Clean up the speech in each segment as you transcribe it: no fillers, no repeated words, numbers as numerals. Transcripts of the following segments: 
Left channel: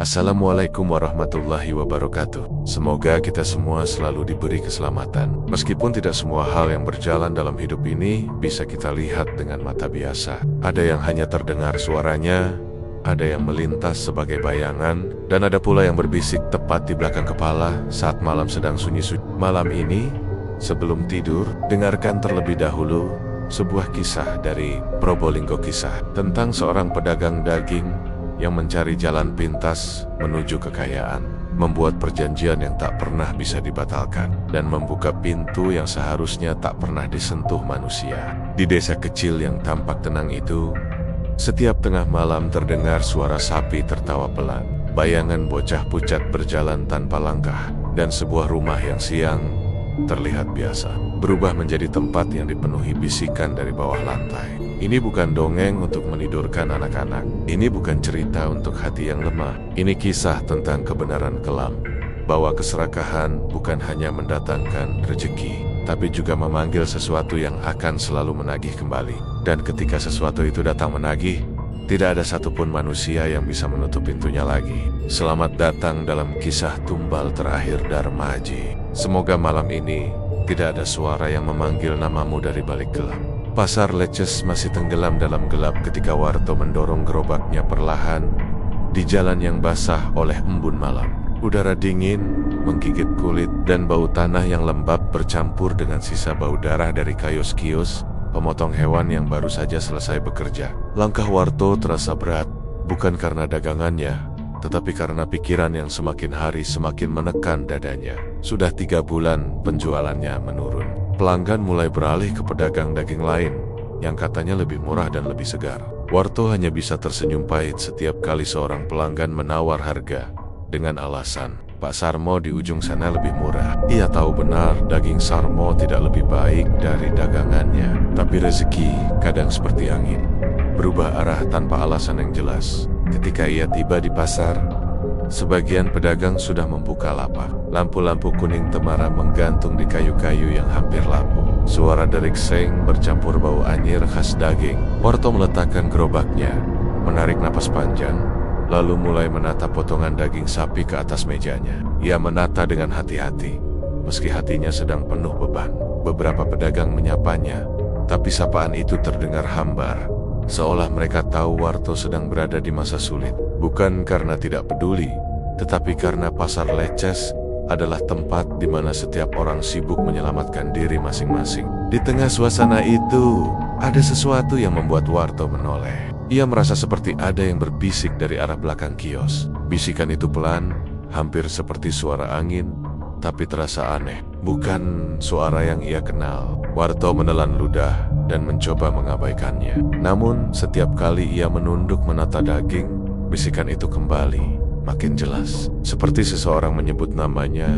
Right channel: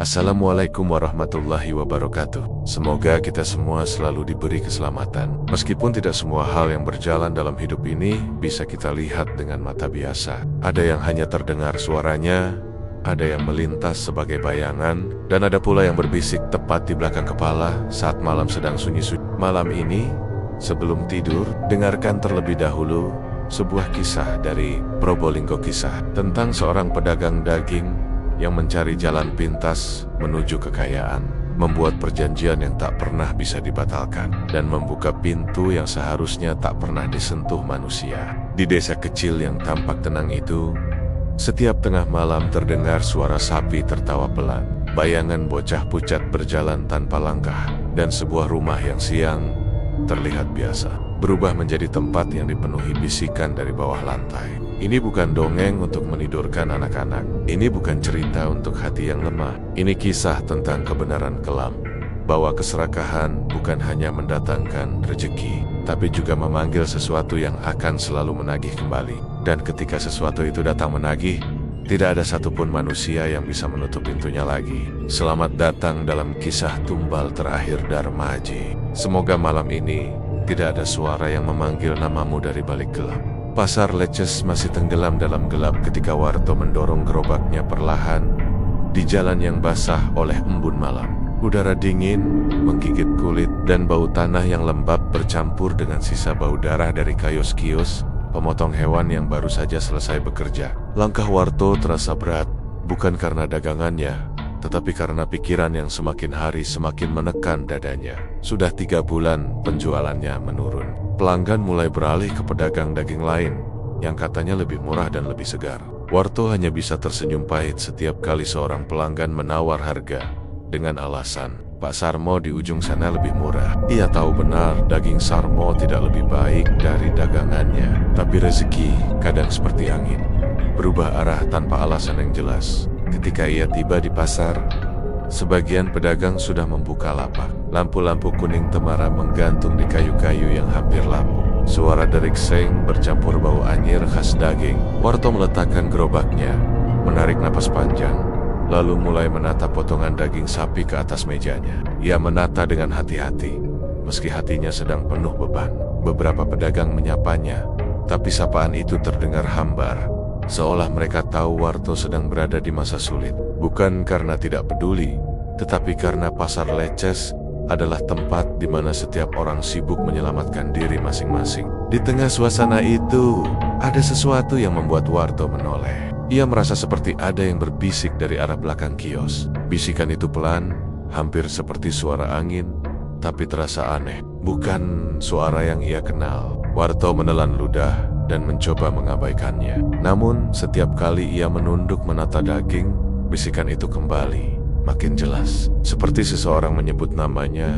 Assalamualaikum warahmatullahi wabarakatuh. Semoga kita semua selalu diberi keselamatan. Meskipun tidak semua hal yang berjalan dalam hidup ini bisa kita lihat dengan mata biasa. Ada yang hanya terdengar suaranya, ada yang melintas sebagai bayangan, dan ada pula yang berbisik tepat di belakang kepala saat malam sedang sunyi-sunyi. Malam ini, sebelum tidur, dengarkan terlebih dahulu sebuah kisah dari Probolinggo, kisah tentang seorang pedagang daging yang mencari jalan pintas menuju kekayaan, membuat perjanjian yang tak pernah bisa dibatalkan, dan membuka pintu yang seharusnya tak pernah disentuh manusia. Di desa kecil yang tampak tenang itu, setiap tengah malam terdengar suara sapi tertawa pelan, bayangan bocah pucat berjalan tanpa langkah, dan sebuah rumah yang siang terlihat biasa berubah menjadi tempat yang dipenuhi bisikan dari bawah lantai. Ini bukan dongeng untuk menidurkan anak-anak. Ini bukan cerita untuk hati yang lemah. Ini kisah tentang kebenaran kelam, bahwa keserakahan bukan hanya mendatangkan rezeki, tapi juga memanggil sesuatu yang akan selalu menagih kembali. Dan ketika sesuatu itu datang menagih, tidak ada satupun manusia yang bisa menutup pintunya lagi. Selamat datang dalam kisah tumbal terakhir Darmaji. Semoga malam ini tidak ada suara yang memanggil namamu dari balik gelap. Pasar Leces masih tenggelam dalam gelap ketika Warto mendorong gerobaknya perlahan di jalan yang basah oleh embun malam. Udara dingin menggigit kulit dan bau tanah yang lembab bercampur dengan sisa bau darah dari kios-kios pemotong hewan yang baru saja selesai bekerja. Langkah Warto terasa berat, bukan karena dagangannya, tetapi karena pikiran yang semakin hari semakin menekan dadanya. Sudah 3 bulan penjualannya menurun. Pelanggan mulai beralih ke pedagang daging lain yang katanya lebih murah dan lebih segar. Warto hanya bisa tersenyum pahit setiap kali seorang pelanggan menawar harga dengan alasan, "Pak Sarmo di ujung sana lebih murah." Ia tahu benar daging Sarmo tidak lebih baik dari dagangannya, tapi rezeki kadang seperti angin, berubah arah tanpa alasan yang jelas. Ketika ia tiba di pasar, sebagian pedagang sudah membuka lapak. Lampu-lampu kuning temara menggantung di kayu-kayu yang hampir lapuk. Suara derik seng bercampur bau anyir khas daging. Warto meletakkan gerobaknya, menarik napas panjang, lalu mulai menata potongan daging sapi ke atas mejanya. Ia menata dengan hati-hati, meski hatinya sedang penuh beban. Beberapa pedagang menyapanya, tapi sapaan itu terdengar hambar, seolah mereka tahu Warto sedang berada di masa sulit. Bukan karena tidak peduli, tetapi karena pasar Leces adalah tempat di mana setiap orang sibuk menyelamatkan diri masing-masing. Di tengah suasana itu, ada sesuatu yang membuat Warto menoleh. Ia merasa seperti ada yang berbisik dari arah belakang kios. Bisikan itu pelan, hampir seperti suara angin, tapi terasa aneh. Bukan suara yang ia kenal. Warto menelan ludah dan mencoba mengabaikannya. Namun, setiap kali ia menunduk menata daging, bisikan itu kembali, makin jelas, seperti seseorang menyebut namanya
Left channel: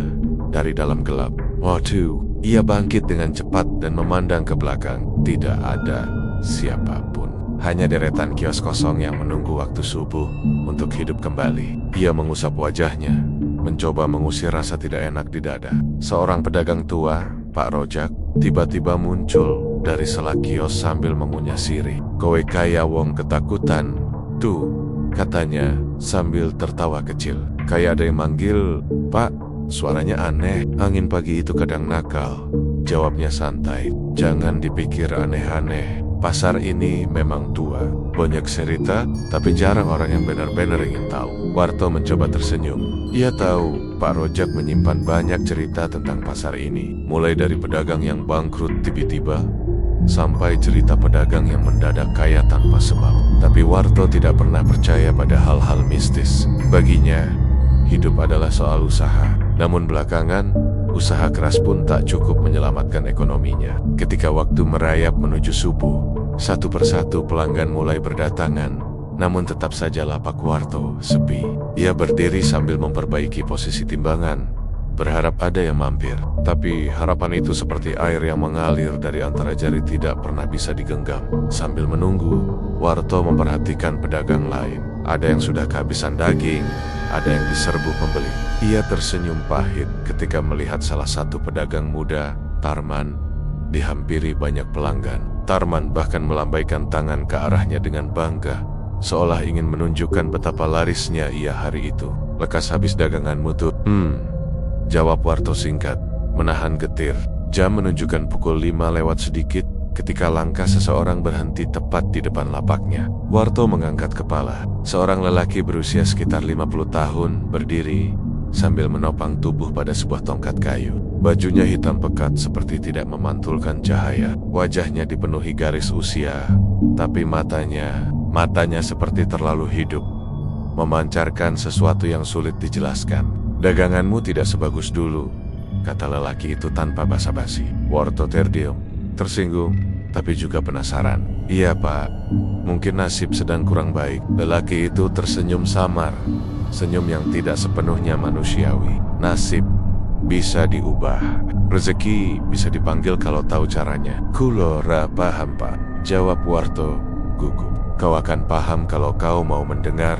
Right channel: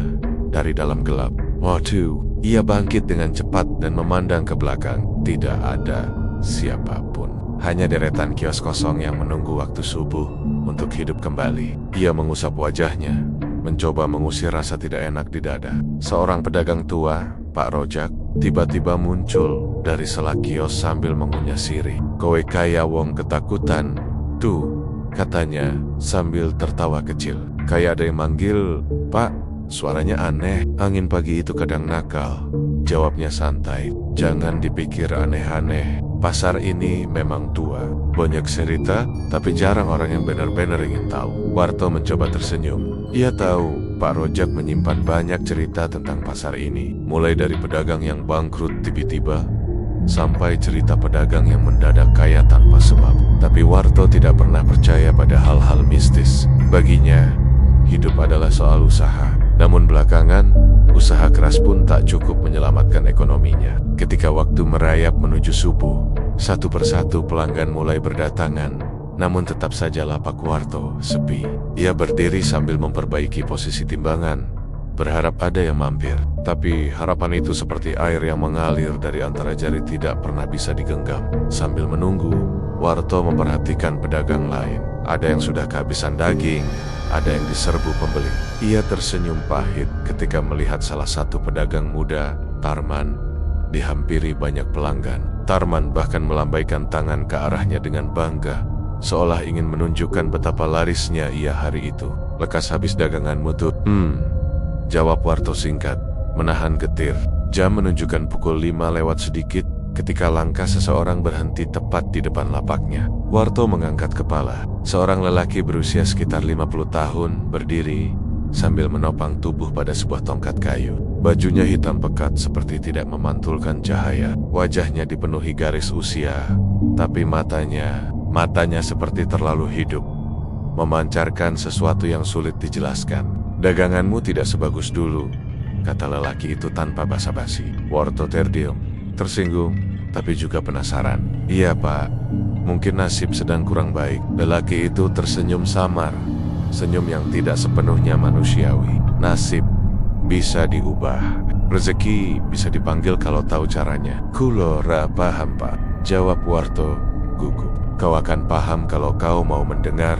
dari dalam gelap. Waduh, ia bangkit dengan cepat dan memandang ke belakang. Tidak ada siapapun, hanya deretan kios kosong yang menunggu waktu subuh untuk hidup kembali. Ia mengusap wajahnya, mencoba mengusir rasa tidak enak di dada. Seorang pedagang tua, Pak Rojak, tiba-tiba muncul dari sela kios sambil mengunyah sirih. "Kowe kaya wong ketakutan, tuh," katanya sambil tertawa kecil. "Kayak ada yang manggil, Pak." Suaranya aneh. "Angin pagi itu kadang nakal," jawabnya santai. "Jangan dipikir aneh-aneh. Pasar ini memang tua, banyak cerita, tapi jarang orang yang benar-benar ingin tahu." Warto mencoba tersenyum. Ia tahu Pak Rojak menyimpan banyak cerita tentang pasar ini, mulai dari pedagang yang bangkrut tiba-tiba sampai cerita pedagang yang mendadak kaya tanpa sebab. Tapi Warto tidak pernah percaya pada hal-hal mistis. Baginya, hidup adalah soal usaha. Namun belakangan, usaha keras pun tak cukup menyelamatkan ekonominya. Ketika waktu merayap menuju subuh, satu persatu pelanggan mulai berdatangan, namun tetap saja lapak Warto sepi. Ia berdiri sambil memperbaiki posisi timbangan, berharap ada yang mampir. Tapi harapan itu seperti air yang mengalir dari antara jari, tidak pernah bisa digenggam. Sambil menunggu, Warto memperhatikan pedagang lain. Ada yang sudah kehabisan daging, ada yang diserbu pembeli. Ia tersenyum pahit ketika melihat salah satu pedagang muda, Tarman, dihampiri banyak pelanggan. Tarman bahkan melambaikan tangan ke arahnya dengan bangga, seolah ingin menunjukkan betapa larisnya ia hari itu. "Lekas habis daganganmu tuh?" Jawab Warto singkat, menahan getir. Jam menunjukkan pukul 5 lewat sedikit ketika langkah seseorang berhenti tepat di depan lapaknya. Warto mengangkat kepala. Seorang lelaki berusia sekitar 50 tahun berdiri sambil menopang tubuh pada sebuah tongkat kayu. Bajunya hitam pekat seperti tidak memantulkan cahaya. Wajahnya dipenuhi garis usia, tapi matanya seperti terlalu hidup, memancarkan sesuatu yang sulit dijelaskan. "Daganganmu tidak sebagus dulu," kata lelaki itu tanpa basa-basi. Warto terdiam, tersinggung, tapi juga penasaran. "Iya Pak, mungkin nasib sedang kurang baik." Lelaki itu tersenyum samar, senyum yang tidak sepenuhnya manusiawi. "Nasib bisa diubah, rezeki bisa dipanggil kalau tahu caranya." "Kulora paham Pak," jawab Warto gugup. "Kau akan paham kalau kau mau mendengar."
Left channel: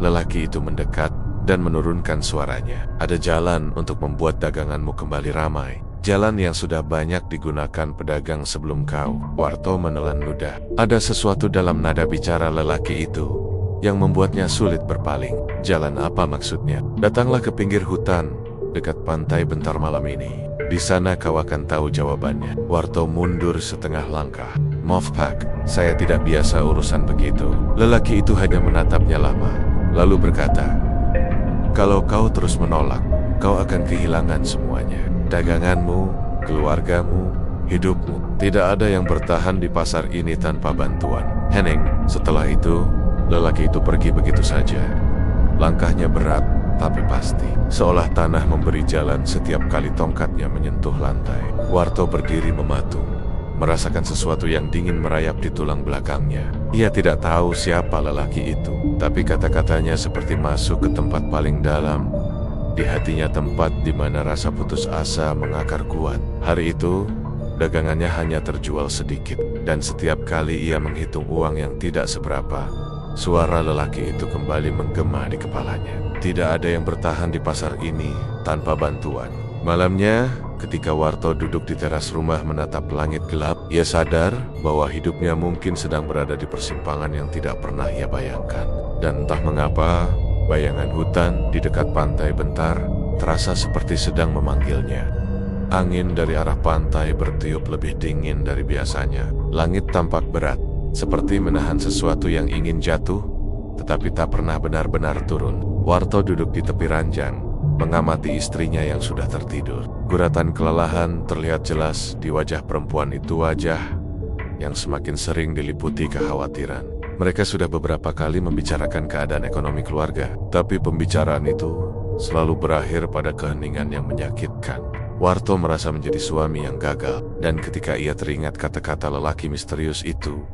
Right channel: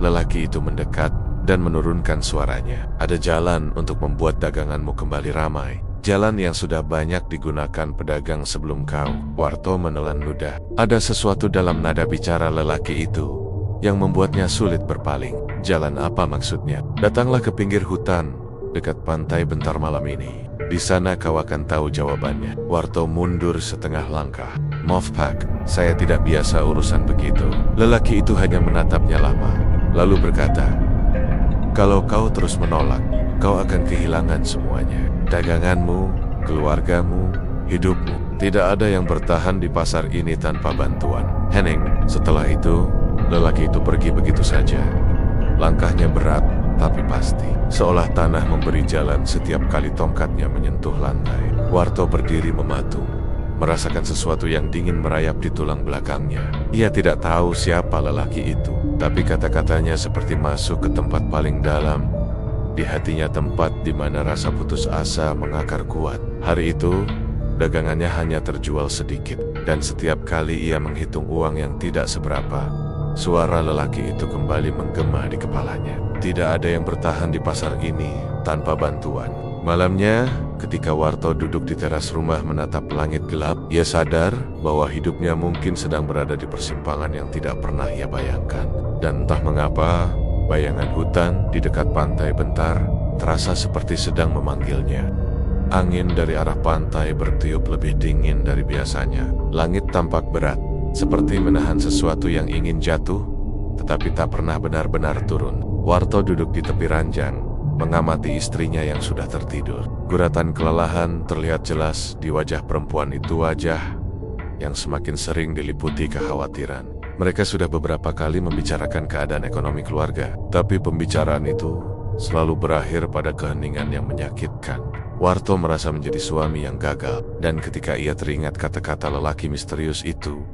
Lelaki itu mendekat dan menurunkan suaranya. "Ada jalan untuk membuat daganganmu kembali ramai. Jalan yang sudah banyak digunakan pedagang sebelum kau." Warto menelan ludah. Ada sesuatu dalam nada bicara lelaki itu yang membuatnya sulit berpaling. "Jalan apa maksudnya?" "Datanglah ke pinggir hutan, dekat pantai Bentar malam ini. Di sana kau akan tahu jawabannya." Warto mundur setengah langkah. "Maaf Pak, saya tidak biasa urusan begitu." Lelaki itu hanya menatapnya lama, lalu berkata, "Kalau kau terus menolak, kau akan kehilangan semuanya. Daganganmu, keluargamu, hidupmu. Tidak ada yang bertahan di pasar ini tanpa bantuan." Henning, setelah itu, lelaki itu pergi begitu saja. Langkahnya berat, tapi pasti. Seolah tanah memberi jalan setiap kali tongkatnya menyentuh lantai. Warto berdiri mematung, merasakan sesuatu yang dingin merayap di tulang belakangnya. Ia tidak tahu siapa lelaki itu, tapi kata-katanya seperti masuk ke tempat paling dalam di hatinya, tempat di mana rasa putus asa mengakar kuat. Hari itu, dagangannya hanya terjual sedikit, dan setiap kali ia menghitung uang yang tidak seberapa, suara lelaki itu kembali menggema di kepalanya. Tidak ada yang bertahan di pasar ini tanpa bantuan. Malamnya, ketika Warto duduk di teras rumah menatap langit gelap, ia sadar bahwa hidupnya mungkin sedang berada di persimpangan yang tidak pernah ia bayangkan. Dan entah mengapa, bayangan hutan di dekat pantai Bentar terasa seperti sedang memanggilnya. Angin dari arah pantai bertiup lebih dingin dari biasanya. Langit tampak berat, seperti menahan sesuatu yang ingin jatuh, tetapi tak pernah benar-benar turun. Warto duduk di tepi ranjang, mengamati istrinya yang sudah tertidur. Guratan kelelahan terlihat jelas di wajah perempuan itu, wajah yang semakin sering diliputi kekhawatiran. Mereka sudah beberapa kali membicarakan keadaan ekonomi keluarga, tapi pembicaraan itu selalu berakhir pada keheningan yang menyakitkan. Warto merasa menjadi suami yang gagal, dan ketika ia teringat kata-kata lelaki misterius itu,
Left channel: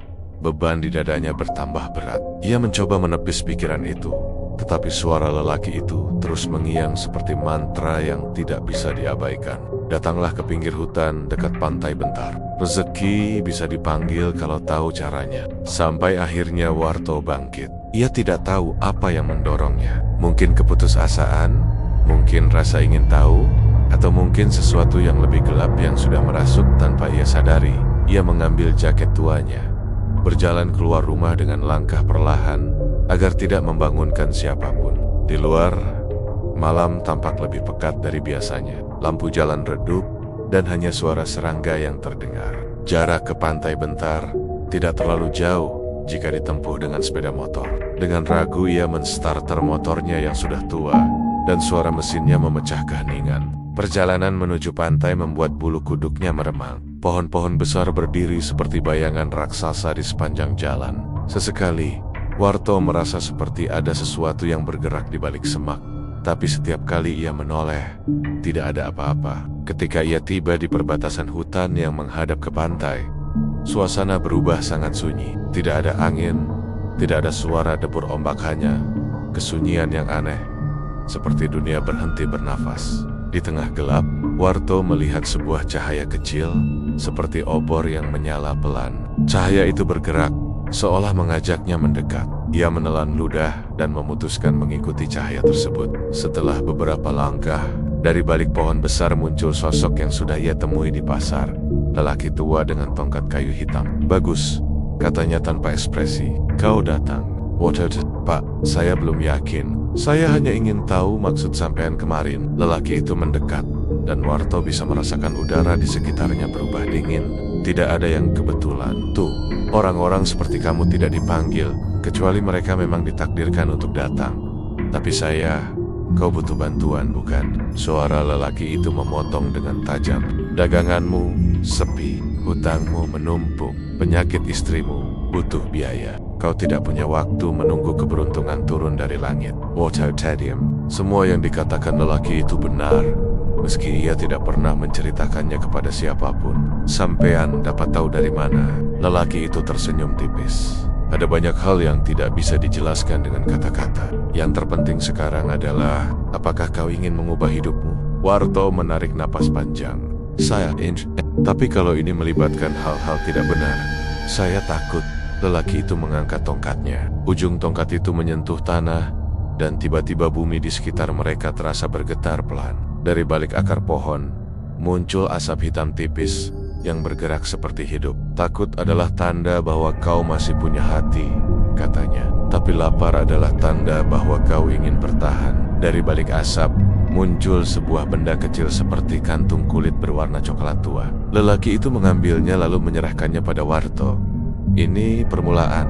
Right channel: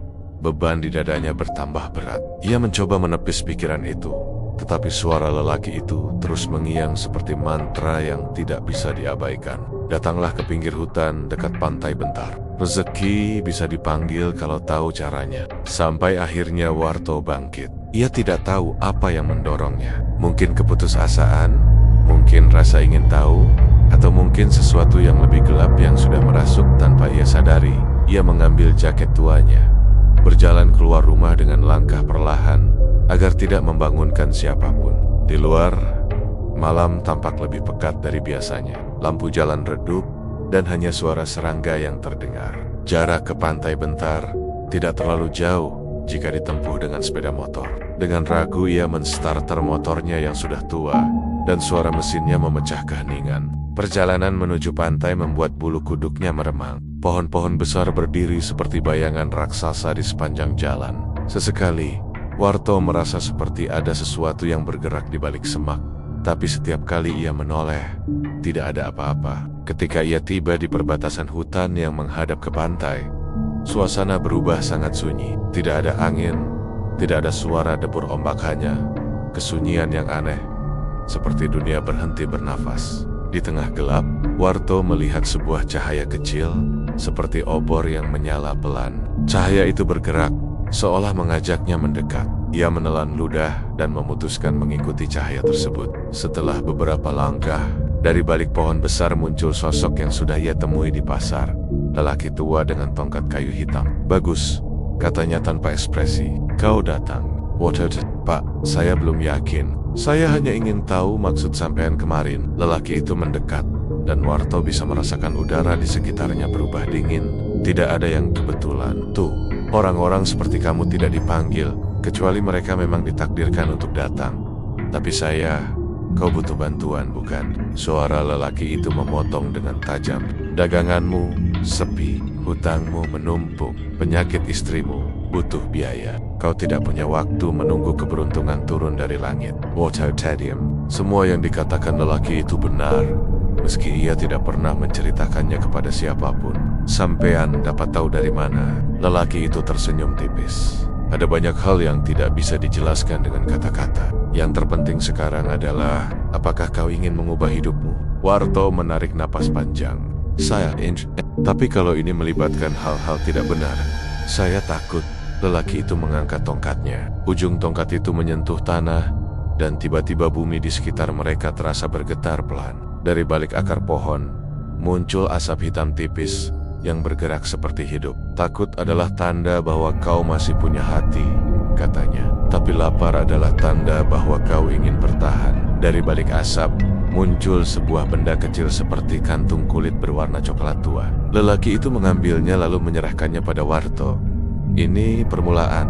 beban di dadanya bertambah berat. Ia mencoba menepis pikiran itu, tetapi suara lelaki itu terus mengiang seperti mantra yang tidak bisa diabaikan. "Datanglah ke pinggir hutan dekat pantai Bentar. Rezeki bisa dipanggil kalau tahu caranya." Sampai akhirnya Warto bangkit. Ia tidak tahu apa yang mendorongnya. Mungkin keputusasaan, mungkin rasa ingin tahu, atau mungkin sesuatu yang lebih gelap yang sudah merasuk tanpa ia sadari. Ia mengambil jaket tuanya, berjalan keluar rumah dengan langkah perlahan agar tidak membangunkan siapapun. Di luar, malam tampak lebih pekat dari biasanya. Lampu jalan redup dan hanya suara serangga yang terdengar. Jarak ke pantai Bentar tidak terlalu jauh jika ditempuh dengan sepeda motor. Dengan ragu ia menstarter motornya yang sudah tua, dan suara mesinnya memecah keheningan. Perjalanan menuju pantai membuat bulu kuduknya meremang. Pohon-pohon besar berdiri seperti bayangan raksasa di sepanjang jalan. Sesekali, Warto merasa seperti ada sesuatu yang bergerak di balik semak. Tapi setiap kali ia menoleh, tidak ada apa-apa. Ketika ia tiba di perbatasan hutan yang menghadap ke pantai, suasana berubah sangat sunyi. Tidak ada angin, tidak ada suara debur ombak, hanya kesunyian yang aneh, seperti dunia berhenti bernafas. Di tengah gelap, Warto melihat sebuah cahaya kecil, seperti obor yang menyala pelan. Cahaya itu bergerak, seolah mengajaknya mendekat. Ia menelan ludah dan memutuskan mengikuti cahaya tersebut. Setelah beberapa langkah, dari balik pohon besar muncul sosok yang sudah ia temui di pasar. Lelaki tua dengan tongkat kayu hitam. "Bagus," katanya tanpa ekspresi. "Kau datang." Water, Pak, saya belum yakin. Saya hanya ingin tahu maksud sampean kemarin. Lelaki itu mendekat, dan Warto bisa merasakan udara di sekitarnya berubah dingin. Tidak ada yang kebetulan. Tuh, orang-orang seperti kamu tidak dipanggil, kecuali mereka memang ditakdirkan untuk datang. Tapi kau butuh bantuan, bukan? Suara lelaki itu memotong dengan tajam. Daganganmu sepi, hutangmu menumpuk, penyakit istrimu butuh biaya. Kau tidak punya waktu menunggu keberuntungan turun dari langit. Water Tadium, semua yang dikatakan lelaki itu benar, meski ia tidak pernah menceritakannya kepada siapapun. Sampean dapat tahu dari mana? Lelaki itu tersenyum tipis. Ada banyak hal yang tidak bisa dijelaskan dengan kata-kata. Yang terpenting sekarang adalah, apakah kau ingin mengubah hidupmu? Warto menarik napas panjang. Tapi kalau ini melibatkan hal-hal tidak benar, saya takut. Lelaki itu mengangkat tongkatnya. Ujung tongkat itu menyentuh tanah, dan tiba-tiba bumi di sekitar mereka terasa bergetar pelan. Dari balik akar pohon, muncul asap hitam tipis yang bergerak seperti hidup. Takut adalah tanda bahwa kau masih punya hati, katanya. Tapi lapar adalah tanda bahwa kau ingin bertahan. Dari balik asap, muncul sebuah benda kecil seperti kantung kulit berwarna coklat tua. Lelaki itu mengambilnya lalu menyerahkannya pada Warto. Ini permulaan,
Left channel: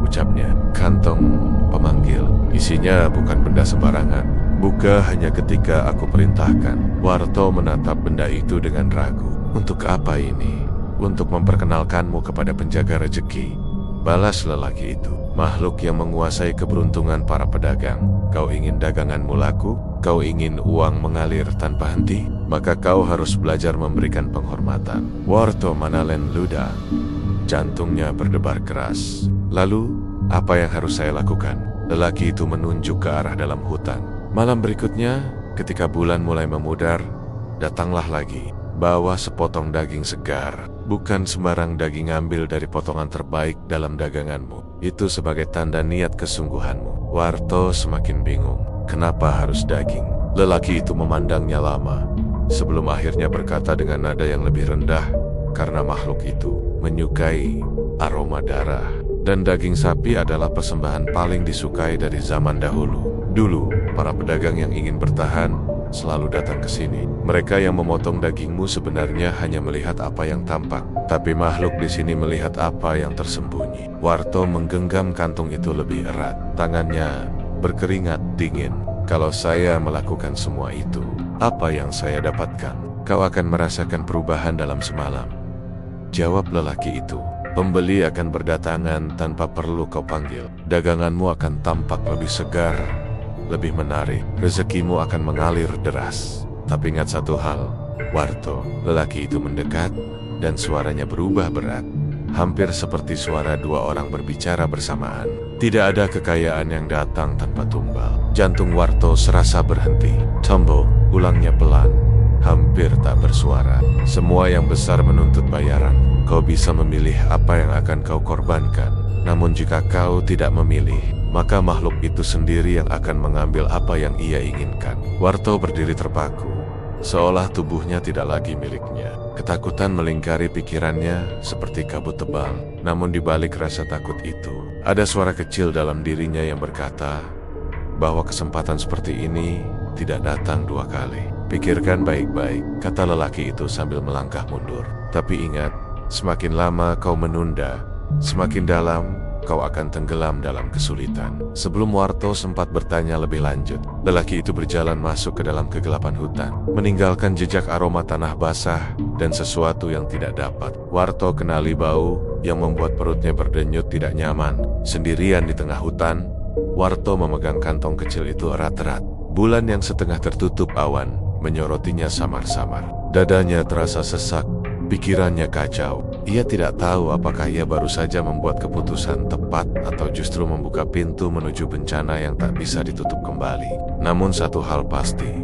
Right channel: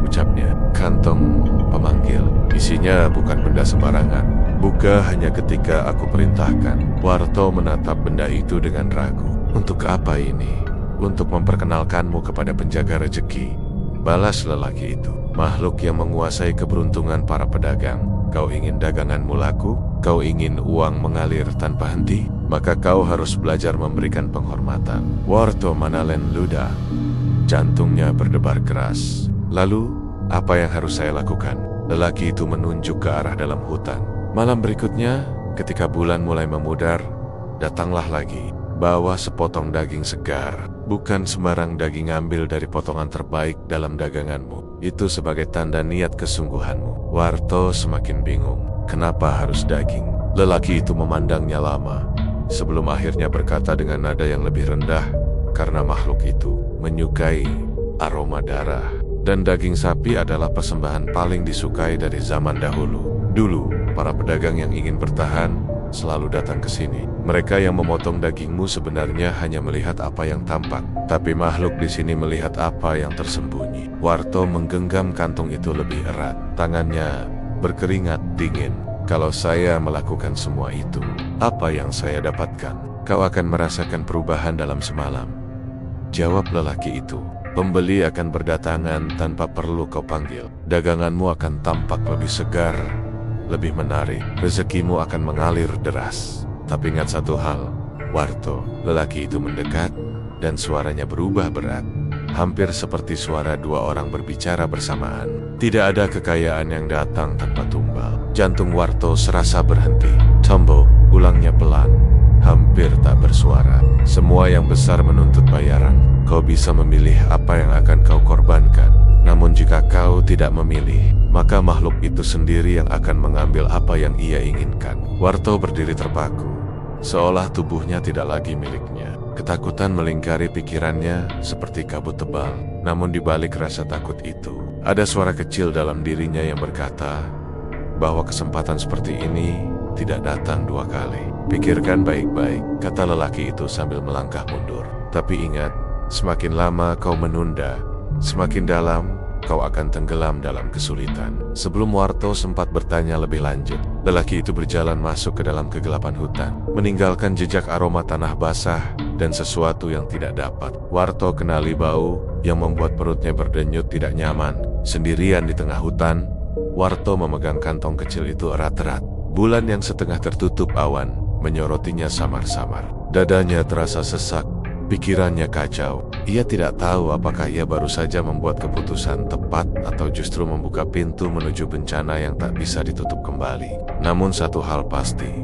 ucapnya. Kantong pemanggil. Isinya bukan benda sembarangan. Buka hanya ketika aku perintahkan. Warto menatap benda itu dengan ragu. Untuk apa ini? Untuk memperkenalkanmu kepada penjaga rejeki, balas lelaki itu. Makhluk yang menguasai keberuntungan para pedagang. Kau ingin daganganmu laku? Kau ingin uang mengalir tanpa henti? Maka kau harus belajar memberikan penghormatan. Warto Manalen ludah. Jantungnya berdebar keras. Lalu, apa yang harus saya lakukan? Lelaki itu menunjuk ke arah dalam hutan. Malam berikutnya, ketika bulan mulai memudar, datanglah lagi. Bawa sepotong daging segar. Bukan sembarang daging, ambil dari potongan terbaik dalam daganganmu. Itu sebagai tanda niat kesungguhanmu. Warto semakin bingung. Kenapa harus daging? Lelaki itu memandangnya lama, sebelum akhirnya berkata dengan nada yang lebih rendah, karena makhluk itu menyukai aroma darah. Dan daging sapi adalah persembahan paling disukai dari zaman dahulu. Dulu, para pedagang yang ingin bertahan selalu datang ke sini. Mereka yang memotong dagingmu sebenarnya hanya melihat apa yang tampak, tapi makhluk di sini melihat apa yang tersembunyi. Warto menggenggam kantung itu lebih erat. Tangannya berkeringat dingin. Kalau saya melakukan semua itu, apa yang saya dapatkan? Kau akan merasakan perubahan dalam semalam, jawab lelaki itu. Pembeli akan berdatangan tanpa perlu kau panggil. Daganganmu akan tampak lebih segar, lebih menarik. Rezekimu akan mengalir deras. Tapi ingat satu hal, Warto. Lelaki itu mendekat, dan suaranya berubah berat. Hampir seperti suara dua orang berbicara bersamaan. Tidak ada kekayaan yang datang tanpa tumbal. Jantung Warto serasa berhenti. Tumble, ulangnya pelan, hampir tak bersuara. Semua yang besar menuntut bayaran. Kau bisa memilih apa yang akan kau korbankan. Namun jika kau tidak memilih, maka makhluk itu sendiri yang akan mengambil apa yang ia inginkan. Warto berdiri terpaku, seolah tubuhnya tidak lagi miliknya. Ketakutan melingkari pikirannya seperti kabut tebal. Namun di balik rasa takut itu, ada suara kecil dalam dirinya yang berkata bahwa kesempatan seperti ini tidak datang dua kali. Pikirkan baik-baik, kata lelaki itu sambil melangkah mundur. Tapi ingat, semakin lama kau menunda, semakin dalam kau akan tenggelam dalam kesulitan. Sebelum Warto sempat bertanya lebih lanjut, lelaki itu berjalan masuk ke dalam kegelapan hutan, meninggalkan jejak aroma tanah basah dan sesuatu yang tidak dapat Warto kenali, bau yang membuat perutnya berdenyut tidak nyaman. Sendirian di tengah hutan, Warto memegang kantong kecil itu erat-erat. Bulan yang setengah tertutup awan menyorotinya samar-samar. Dadanya terasa sesak, pikirannya kacau. Ia tidak tahu apakah ia baru saja membuat keputusan tepat atau justru membuka pintu menuju bencana yang tak bisa ditutup kembali. Namun satu hal pasti,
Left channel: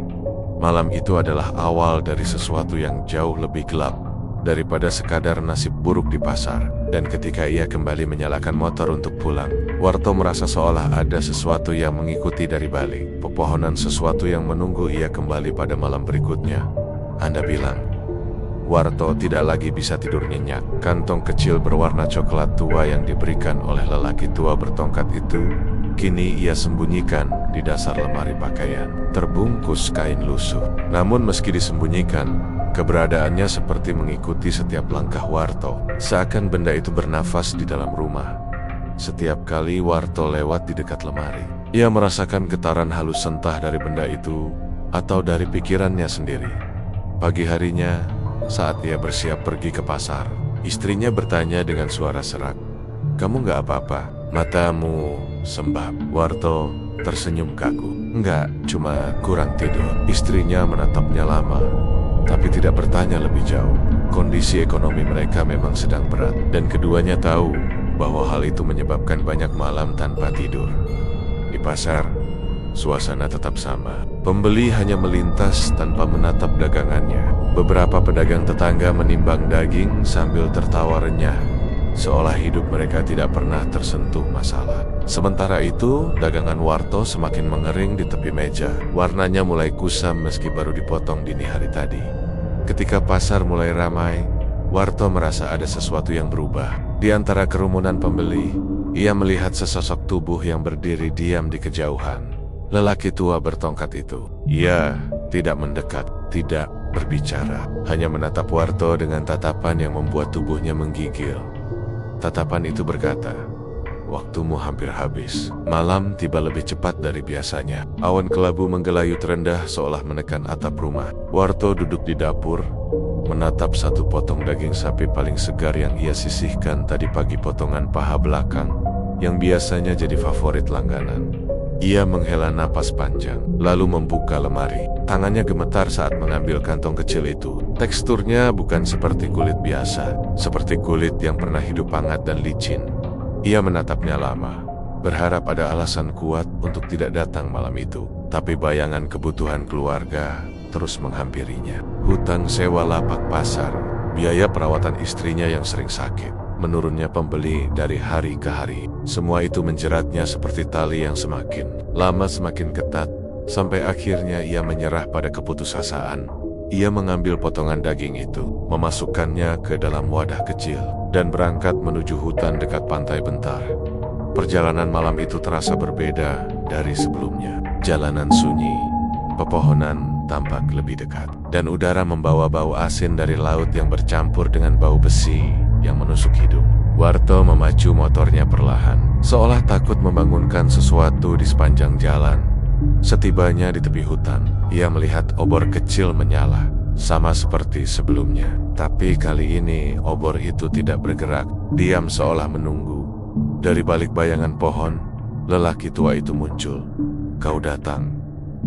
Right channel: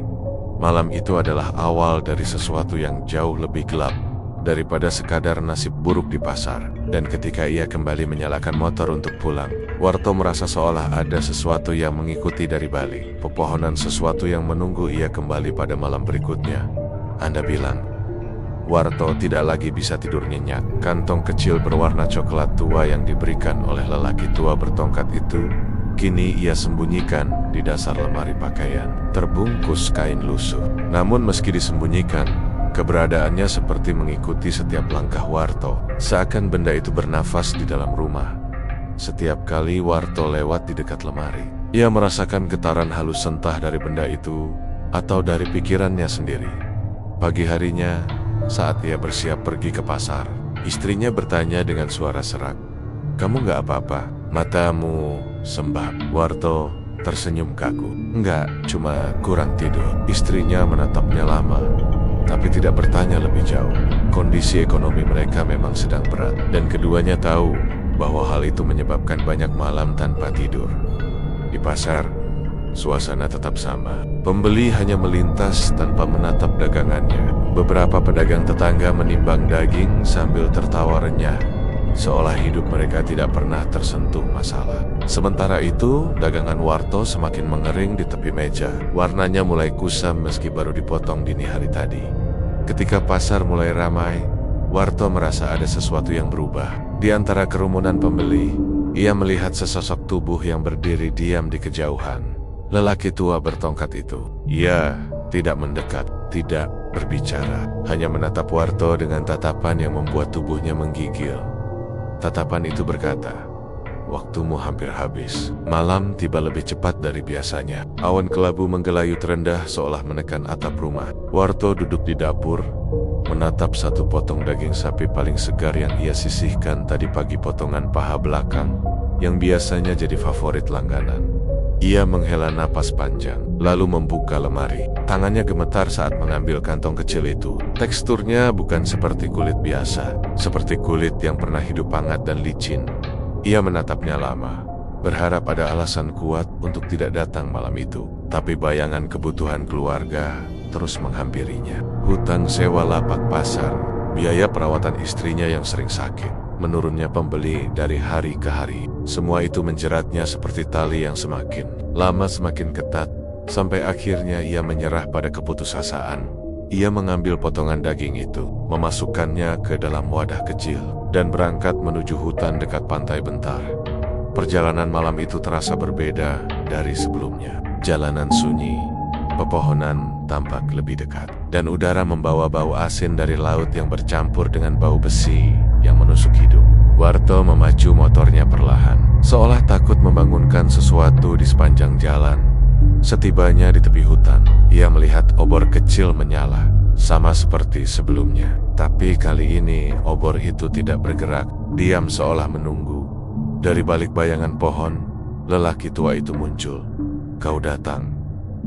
malam itu adalah awal dari sesuatu yang jauh lebih gelap daripada sekadar nasib buruk di pasar. Dan ketika ia kembali menyalakan motor untuk pulang, Warto merasa seolah ada sesuatu yang mengikuti dari balik pepohonan, sesuatu yang menunggu ia kembali pada malam berikutnya. Anda bilang, Warto tidak lagi bisa tidur nyenyak. Kantong kecil berwarna coklat tua yang diberikan oleh lelaki tua bertongkat itu, kini ia sembunyikan di dasar lemari pakaian, terbungkus kain lusuh. Namun meski disembunyikan, keberadaannya seperti mengikuti setiap langkah Warto, seakan benda itu bernafas di dalam rumah. Setiap kali Warto lewat di dekat lemari, ia merasakan getaran halus entah dari benda itu atau dari pikirannya sendiri. Pagi harinya, saat ia bersiap pergi ke pasar, istrinya bertanya dengan suara serak, "Kamu nggak apa-apa? Matamu sembab." Warto tersenyum kaku. "Enggak, cuma kurang tidur." Istrinya menatapnya lama, tapi tidak bertanya lebih jauh. Kondisi ekonomi mereka memang sedang berat, dan keduanya tahu bahwa hal itu menyebabkan banyak malam tanpa tidur. Di pasar, suasana tetap sama. Pembeli hanya melintas tanpa menatap dagangannya. Beberapa pedagang tetangga menimbang daging sambil tertawa renyah, seolah hidup mereka tidak pernah tersentuh masalah. Sementara itu, dagangan Warto semakin mengering di tepi meja. Warnanya mulai kusam meski baru dipotong dini hari tadi. Ketika pasar mulai ramai, Warto merasa ada sesuatu yang berubah. Di antara kerumunan pembeli, ia melihat sesosok tubuh yang berdiri diam di kejauhan. Lelaki tua bertongkat itu. Ia tidak mendekat, tidak berbicara, hanya menatap Warto dengan tatapan yang membuat tubuhnya menggigil. Tatapan itu berkata, "Waktumu hampir habis." Malam tiba lebih cepat dari biasanya. Awan kelabu menggelayut rendah seolah menekan atap rumah. Warto duduk di dapur, menatap satu potong daging sapi paling segar yang ia sisihkan tadi pagi, potongan paha belakang yang biasanya jadi favorit langganan. Ia menghela napas panjang, lalu membuka lemari. Tangannya gemetar saat mengambil kantong kecil itu. Teksturnya bukan seperti kulit biasa, seperti kulit yang pernah hidup hangat dan licin. Ia menatapnya lama, berharap ada alasan kuat untuk tidak datang malam itu. Tapi bayangan kebutuhan keluarga terus menghampirinya. Hutang sewa lapak pasar, biaya perawatan istrinya yang sering sakit, menurunnya pembeli dari hari ke hari. Semua itu menjeratnya seperti tali yang semakin lama semakin ketat, sampai akhirnya ia menyerah pada keputusasaan. Ia mengambil potongan daging itu, memasukkannya ke dalam wadah kecil, dan berangkat menuju hutan dekat pantai Bentar. Perjalanan malam itu terasa berbeda dari sebelumnya. Jalanan sunyi, pepohonan tampak lebih dekat, dan udara membawa bau asin dari laut yang bercampur dengan bau besi yang menusuk hidung. Warto memacu motornya perlahan, seolah takut membangunkan sesuatu di sepanjang jalan. Setibanya di tepi hutan, ia melihat obor kecil menyala, sama seperti sebelumnya. Tapi kali ini obor itu tidak bergerak, diam seolah menunggu. Dari balik bayangan pohon, lelaki tua itu muncul. "Kau datang,"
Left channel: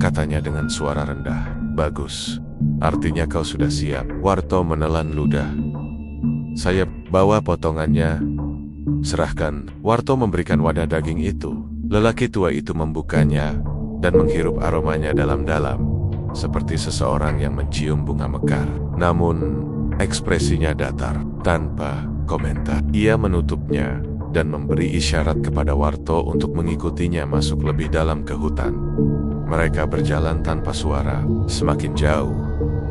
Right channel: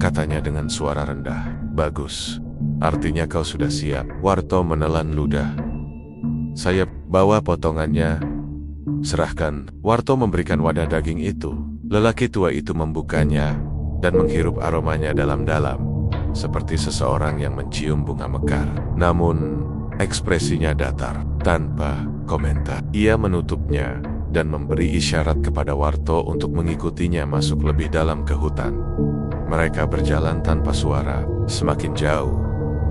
katanya dengan suara rendah. "Bagus, artinya kau sudah siap." Warto menelan ludah. "Saya bawa potongannya." "Serahkan." Warto memberikan wadah daging itu. Lelaki tua itu membukanya dan menghirup aromanya dalam-dalam, seperti seseorang yang mencium bunga mekar. Namun, ekspresinya datar, tanpa komentar. Ia menutupnya dan memberi isyarat kepada Warto untuk mengikutinya masuk lebih dalam ke hutan. Mereka berjalan tanpa suara, semakin jauh,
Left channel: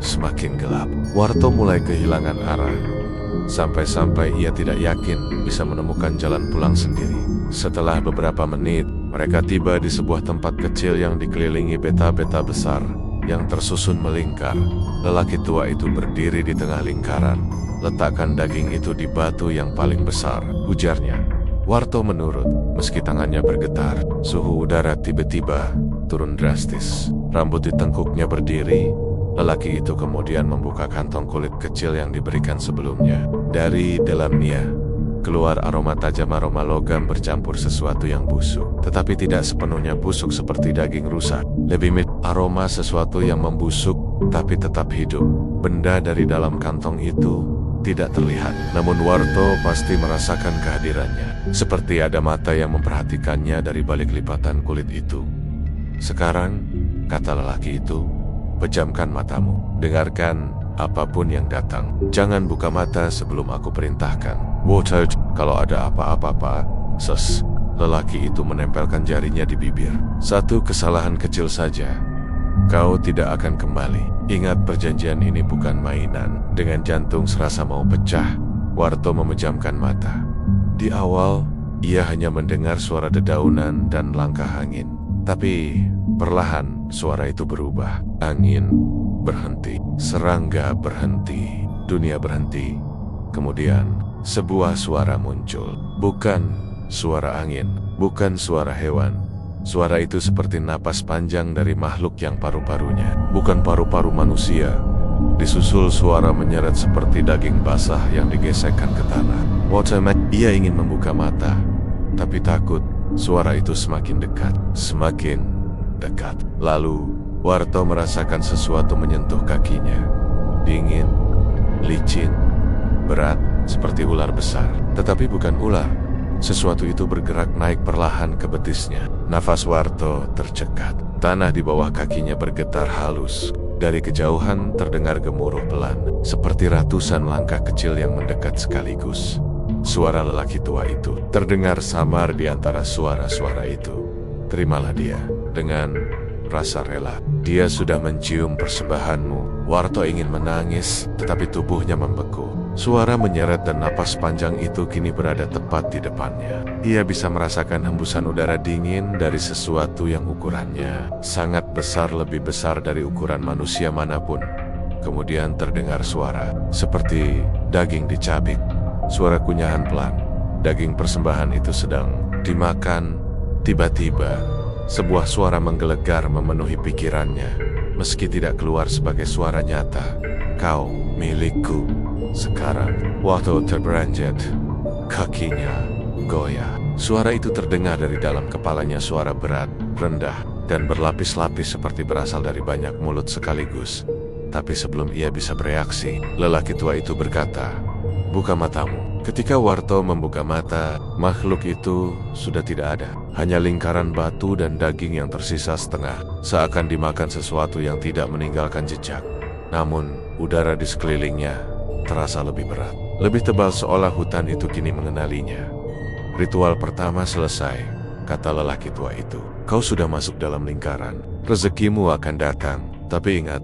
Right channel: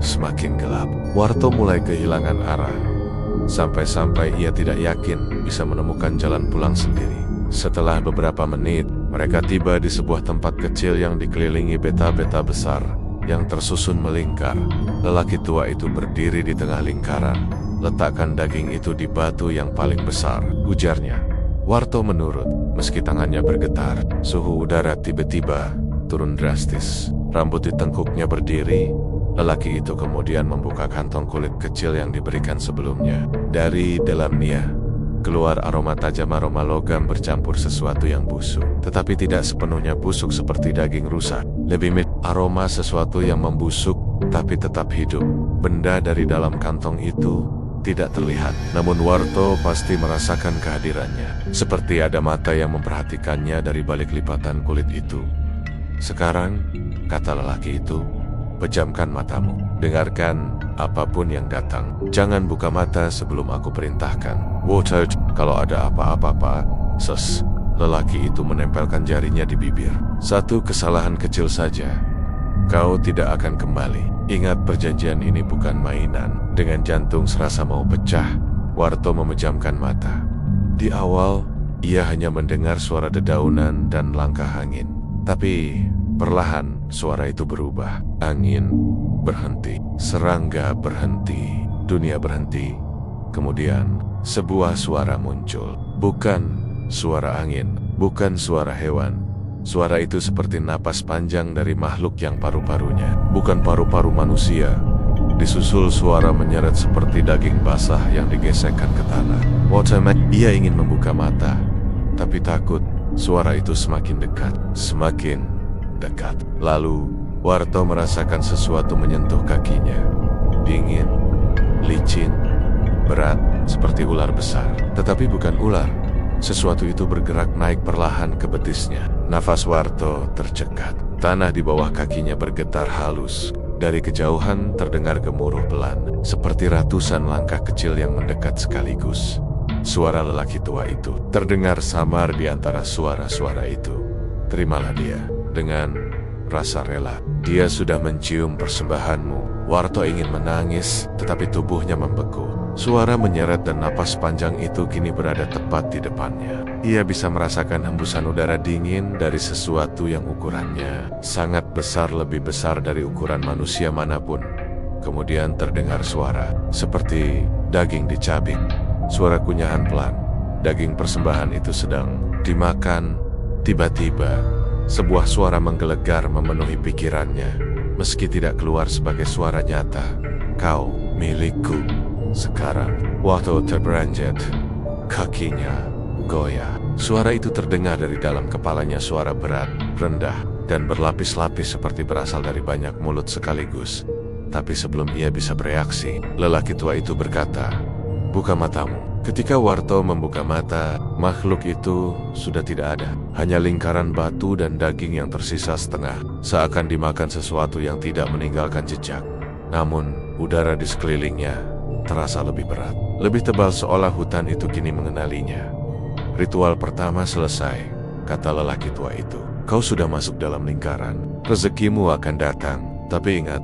semakin gelap. Warto mulai kehilangan arah, sampai-sampai ia tidak yakin bisa menemukan jalan pulang sendiri. Setelah beberapa menit, mereka tiba di sebuah tempat kecil yang dikelilingi beta-beta besar yang tersusun melingkar. Lelaki tua itu berdiri di tengah lingkaran. "Letakkan daging itu di batu yang paling besar," ujarnya. Warto menurut, meski tangannya bergetar. Suhu udara tiba-tiba turun drastis. Rambut di tengkuknya berdiri. Lelaki itu kemudian membuka kantong kulit kecil yang diberikan sebelumnya. Dari dalamnya keluar aroma tajam, aroma logam bercampur sesuatu yang busuk, tetapi tidak sepenuhnya busuk seperti daging rusak. Lebih mirip aroma sesuatu yang membusuk tapi tetap hidup. Benda dari dalam kantong itu tidak terlihat, namun Warto pasti merasakan kehadirannya. Seperti ada mata yang memperhatikannya dari balik lipatan kulit itu. "Sekarang," kata lelaki itu, "pejamkan matamu. Dengarkan apapun yang datang. Jangan buka mata sebelum aku perintahkan." "Water, kalau ada apa-apa, ses." Lelaki itu menempelkan jarinya di bibir. "Satu kesalahan kecil saja, Kau tidak akan kembali. Ingat, perjanjian ini bukan mainan. Dengan jantung serasa mau pecah, Warto memejamkan mata. Di awal, ia hanya mendengar suara dedaunan dan langkah angin. Tapi perlahan suara itu berubah. Angin berhenti, serangga berhenti, dunia berhenti. Kemudian sebuah suara muncul. Bukan suara angin, bukan suara hewan. Suara itu seperti napas panjang dari makhluk yang paru-parunya, bukan paru-paru manusia. Disusul suara menyeret seperti daging basah yang digesekkan ke tanah. Ia ingin membuka mata, tapi takut. Suara itu semakin dekat, semakin dekat. Lalu Warto merasakan sesuatu menyentuh kakinya. Dingin, licin, berat, seperti ular besar. Tetapi bukan ular. Sesuatu itu bergerak naik perlahan ke betisnya. Nafas Warto tercekat. Tanah di bawah kakinya bergetar halus. Dari kejauhan terdengar gemuruh pelan, seperti ratusan langkah kecil yang mendekat sekaligus. Suara lelaki tua itu terdengar samar di antara suara-suara itu. Terimalah dia dengan rasa rela. Dia sudah mencium persembahanmu. Warto ingin menangis, tetapi tubuhnya membeku. Suara menyeret dan napas panjang itu kini berada tepat di depannya. Ia bisa merasakan hembusan udara dingin dari sesuatu yang ukurannya sangat besar, lebih besar dari ukuran manusia manapun. Kemudian terdengar suara seperti daging dicabik. Suara kunyahan pelan. Daging persembahan itu sedang dimakan. Tiba-tiba sebuah suara menggelegar memenuhi pikirannya, meski tidak keluar sebagai suara nyata. Kau milikku. Sekarang, Warto terberanjat. Kakinya goyah. Suara itu terdengar dari dalam kepalanya, suara berat, rendah, dan berlapis-lapis seperti berasal dari banyak mulut sekaligus. Tapi sebelum ia bisa bereaksi, lelaki tua itu berkata, "Buka matamu." Ketika Warto membuka mata, makhluk itu sudah tidak ada. Hanya lingkaran batu dan daging yang tersisa setengah, seakan dimakan sesuatu yang tidak meninggalkan jejak. Namun, udara di sekelilingnya terasa lebih berat, lebih tebal, seolah hutan itu kini mengenalinya. "Ritual pertama selesai," kata lelaki tua itu. "Kau sudah masuk dalam lingkaran. Rezekimu akan datang. Tapi ingat,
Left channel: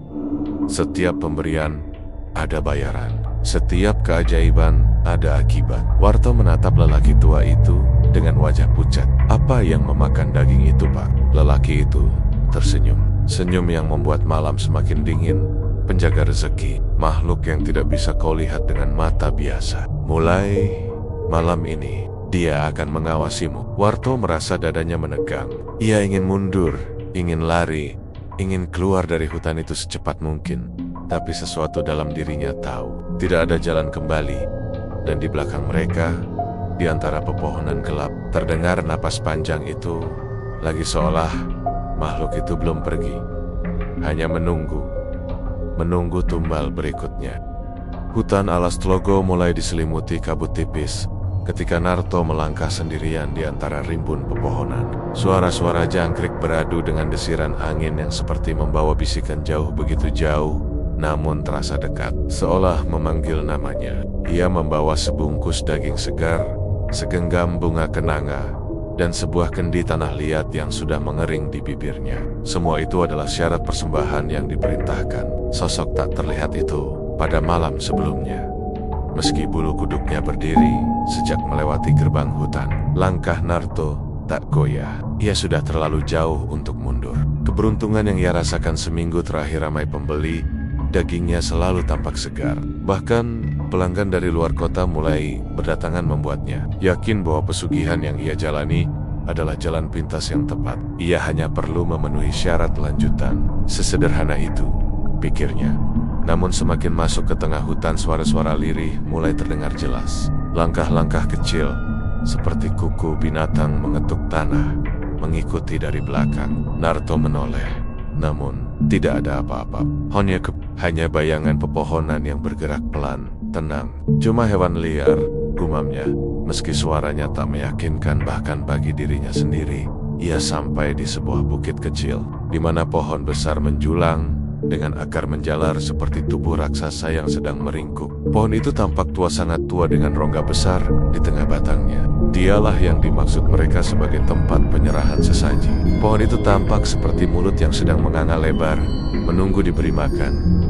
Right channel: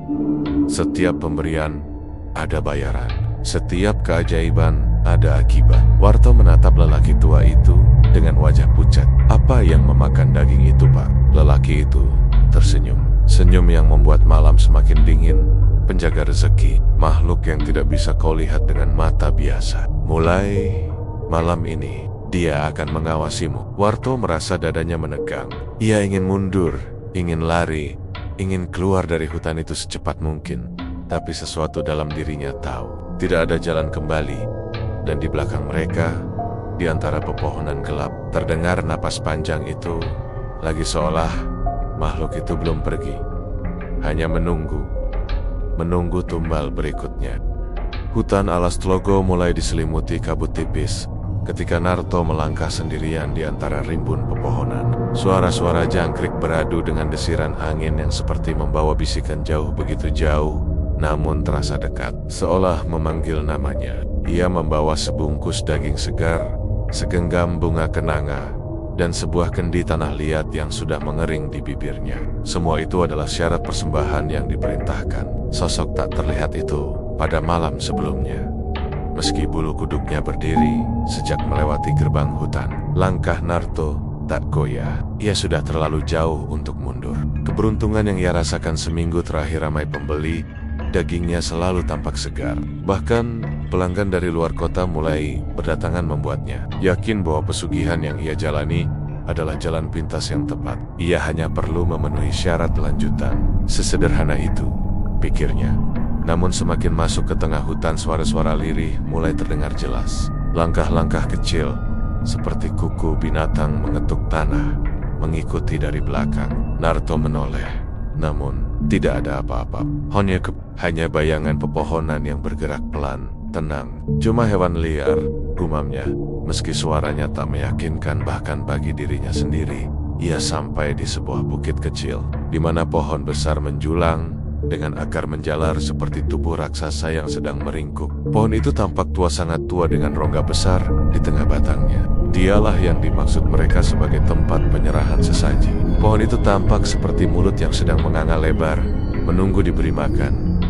setiap pemberian ada bayaran. Setiap keajaiban ada akibat." Warto menatap lelaki tua itu dengan wajah pucat. "Apa yang memakan daging itu, Pak?" Lelaki itu tersenyum. Senyum yang membuat malam semakin dingin. Penjaga rezeki, makhluk yang tidak bisa kau lihat dengan mata biasa. Mulai malam ini, dia akan mengawasimu. Warto merasa dadanya menegang. Ia ingin mundur, ingin lari, ingin keluar dari hutan itu secepat mungkin. Tapi sesuatu dalam dirinya tahu, tidak ada jalan kembali. Dan di belakang mereka, di antara pepohonan gelap, terdengar napas panjang itu, lagi seolah makhluk itu belum pergi. Hanya menunggu tumbal berikutnya. Hutan alas Tlogo mulai diselimuti kabut tipis. Ketika Narto melangkah sendirian di antara rimbun pepohonan, suara-suara jangkrik beradu dengan desiran angin yang seperti membawa bisikan jauh, begitu jauh, namun terasa dekat, seolah memanggil namanya. Ia membawa sebungkus daging segar, segenggam bunga kenanga, dan sebuah kendi tanah liat yang sudah mengering di bibirnya. Semua itu adalah syarat persembahan yang diperintahkan. Sosok tak terlihat itu pada malam sebelumnya. Meski bulu kuduknya berdiri sejak melewati gerbang hutan, langkah Narto tak goyah. Ia sudah terlalu jauh untuk mundur. Keberuntungan yang ia rasakan seminggu terakhir ramai pembeli, dagingnya selalu tampak segar. Bahkan pelanggan dari luar kota mulai berdatangan membuatnya yakin bahwa pesugihan yang ia jalani adalah jalan pintas yang tepat. Ia hanya perlu memenuhi syarat lanjutan. Sesederhana itu, pikirnya. Namun semakin masuk ke tengah hutan, suara-suara lirih mulai terdengar jelas. Langkah-langkah kecil, seperti kuku binatang mengetuk tanah, mengikuti dari belakang. Narto menoleh, namun tidak ada apa-apa. Hanya bayangan pepohonan yang bergerak pelan, tenang. Cuma hewan liar, gumamnya. Meski suaranya tak meyakinkan bahkan bagi dirinya sendiri. Ia sampai di sebuah bukit kecil, di mana pohon besar menjulang dengan akar menjalar seperti tubuh raksasa yang sedang meringkuk. Pohon itu tampak tua, sangat tua, dengan rongga besar di tengah batangnya. Dialah yang dimaksud mereka sebagai tempat penyerahan sesaji. Pohon itu tampak seperti mulut yang sedang menganga lebar, menunggu diberi makan.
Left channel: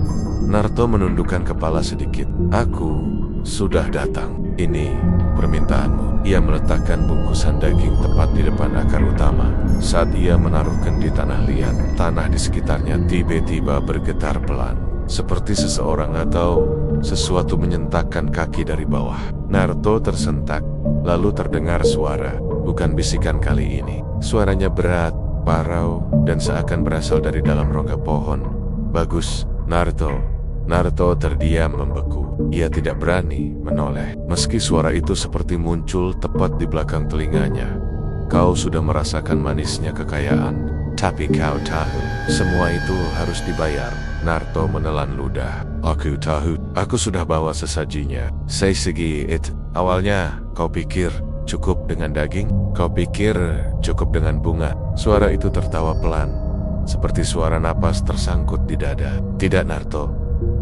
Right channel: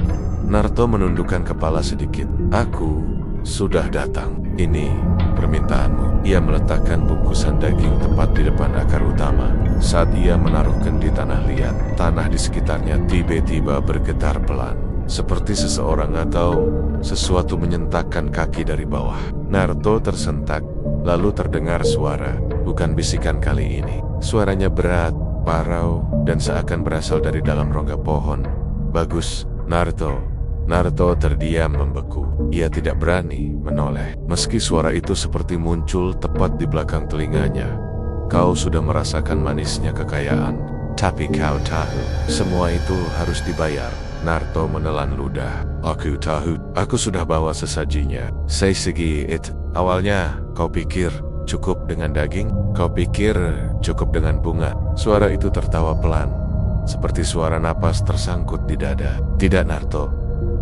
Naruto menundukkan kepala sedikit. Aku sudah datang. Ini permintaanmu. Ia meletakkan bungkusan daging tepat di depan akar utama. Saat ia menaruh kendi tanah liat, tanah di sekitarnya tiba-tiba bergetar pelan. Seperti seseorang atau sesuatu menyentakkan kaki dari bawah. Naruto tersentak, lalu terdengar suara. Bukan bisikan kali ini. Suaranya berat, parau, dan seakan berasal dari dalam rongga pohon. Bagus, Naruto. Naruto terdiam membeku. Ia tidak berani menoleh. Meski suara itu seperti muncul tepat di belakang telinganya. Kau sudah merasakan manisnya kekayaan. Tapi kau tahu, semua itu harus dibayar. Naruto menelan ludah. Aku tahu, aku sudah bawa sesajinya. Seisigi it. Awalnya, kau pikir cukup dengan daging? Kau pikir cukup dengan bunga? Suara itu tertawa pelan, seperti suara napas tersangkut di dada. Tidak, Naruto.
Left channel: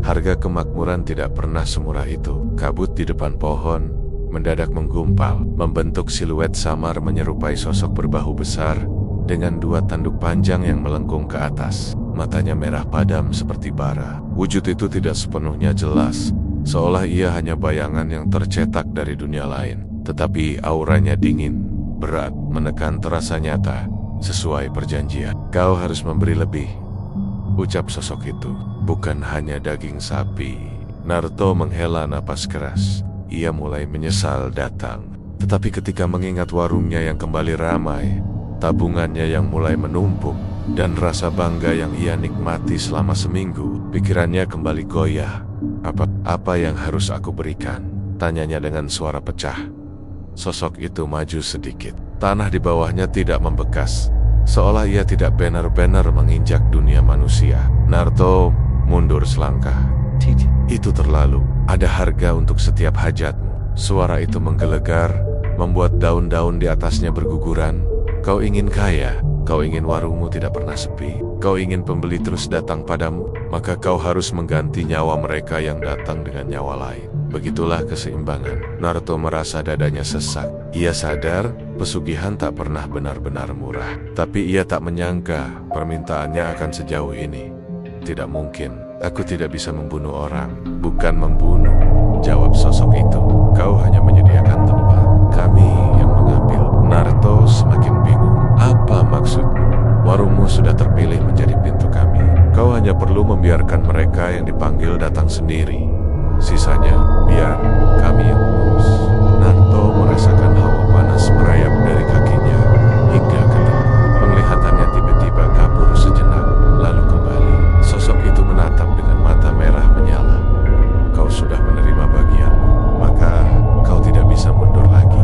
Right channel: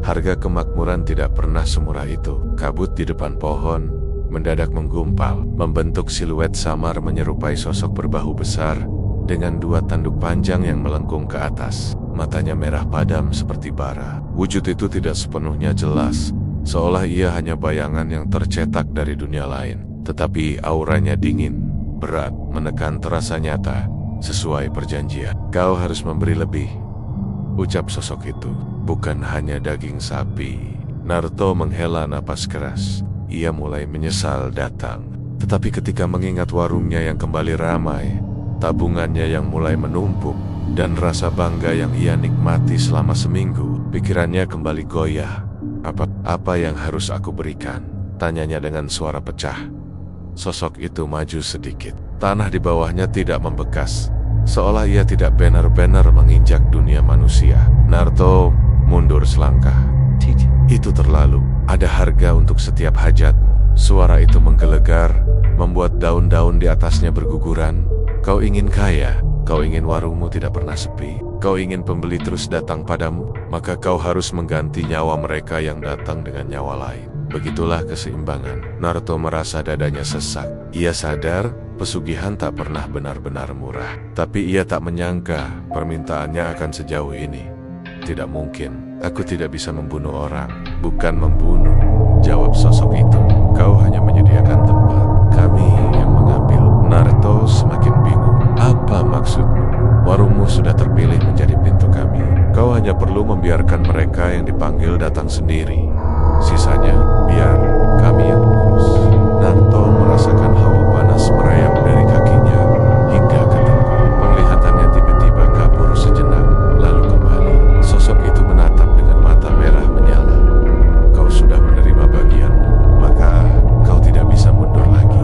Harga kemakmuran tidak pernah semurah itu. Kabut di depan pohon mendadak menggumpal, membentuk siluet samar menyerupai sosok berbahu besar dengan dua tanduk panjang yang melengkung ke atas. Matanya merah padam seperti bara. Wujud itu tidak sepenuhnya jelas, seolah ia hanya bayangan yang tercetak dari dunia lain. Tetapi auranya dingin, berat, menekan terasa nyata, sesuai perjanjian. Kau harus memberi lebih, ucap sosok itu. Bukan hanya daging sapi. Naruto menghela napas keras. Ia mulai menyesal datang. Tetapi ketika mengingat warungnya yang kembali ramai, tabungannya yang mulai menumpuk, dan rasa bangga yang ia nikmati selama seminggu, pikirannya kembali goyah. Apa yang harus aku berikan? Tanyanya dengan suara pecah. Sosok itu maju sedikit. Tanah di bawahnya tidak membekas, seolah ia tidak benar-benar menginjak dunia manusia. Naruto mundur selangkah. Itu terlalu. Ada harga untuk setiap hajatmu. Suara itu menggelegar, membuat daun-daun di atasnya berguguran. Kau ingin kaya, kau ingin warungmu tidak pernah sepi, kau ingin pembeli terus datang padamu, maka kau harus mengganti nyawa mereka yang datang dengan nyawa lain. Begitulah keseimbangan. Naruto merasa dadanya sesak. Ia sadar pesugihan tak pernah benar-benar murah. Tapi ia tak menyangka permintaannya akan sejauh ini. Tidak mungkin. Aku tidak bisa membunuh orang. Bukan membunuh, jawab sosok itu. Kau hanya menyediakan tempat. Kami yang mengambil. Naruto semakin bingung. Apa maksudmu? Warungmu sudah terpilih menjadi pintu kami. Kau hanya perlu membiarkan mereka yang dipanggil datang sendiri. Sisanya, biar kami yang mengurus. Naruto merasakan hawa panas merayap dari kakinya hingga ke tengkuk. Penglihatannya tiba-tiba kabur sejenak, lalu kembali. Sosok itu menatap dengan mata merah menyala. Kau sudah menerima bagianmu, maka kau tidak bisa mundur lagi.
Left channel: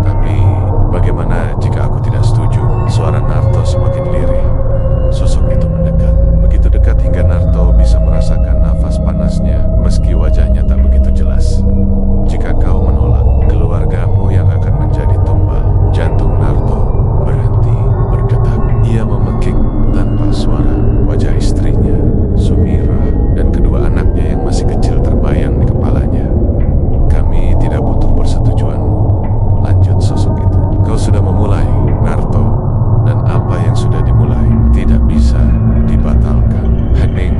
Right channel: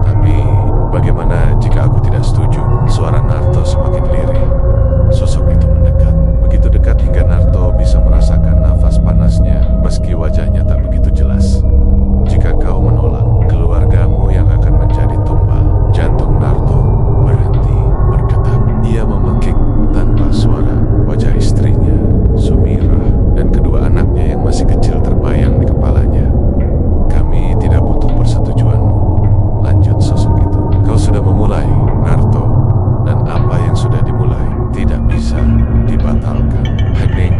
Tapi, bagaimana jika aku tidak setuju? Suara Naruto semakin lirih. Sosok itu mendekat. Begitu dekat hingga Naruto bisa merasakan nafas panasnya, meski wajahnya tak begitu jelas. Jika kau menolak, keluargamu yang akan menjadi tumbal. Jantung Naruto berhenti berdetak. Ia memekik tanpa suara. Wajah istrinya, Sumira, dan kedua anaknya yang masih kecil terbayang di kepalanya. Kami tidak butuh persetujuanmu, lanjut sosok itu. Kau sudah memulai, Naruto, dan apa yang sudah dimulai tidak bisa dibatalkan. Hening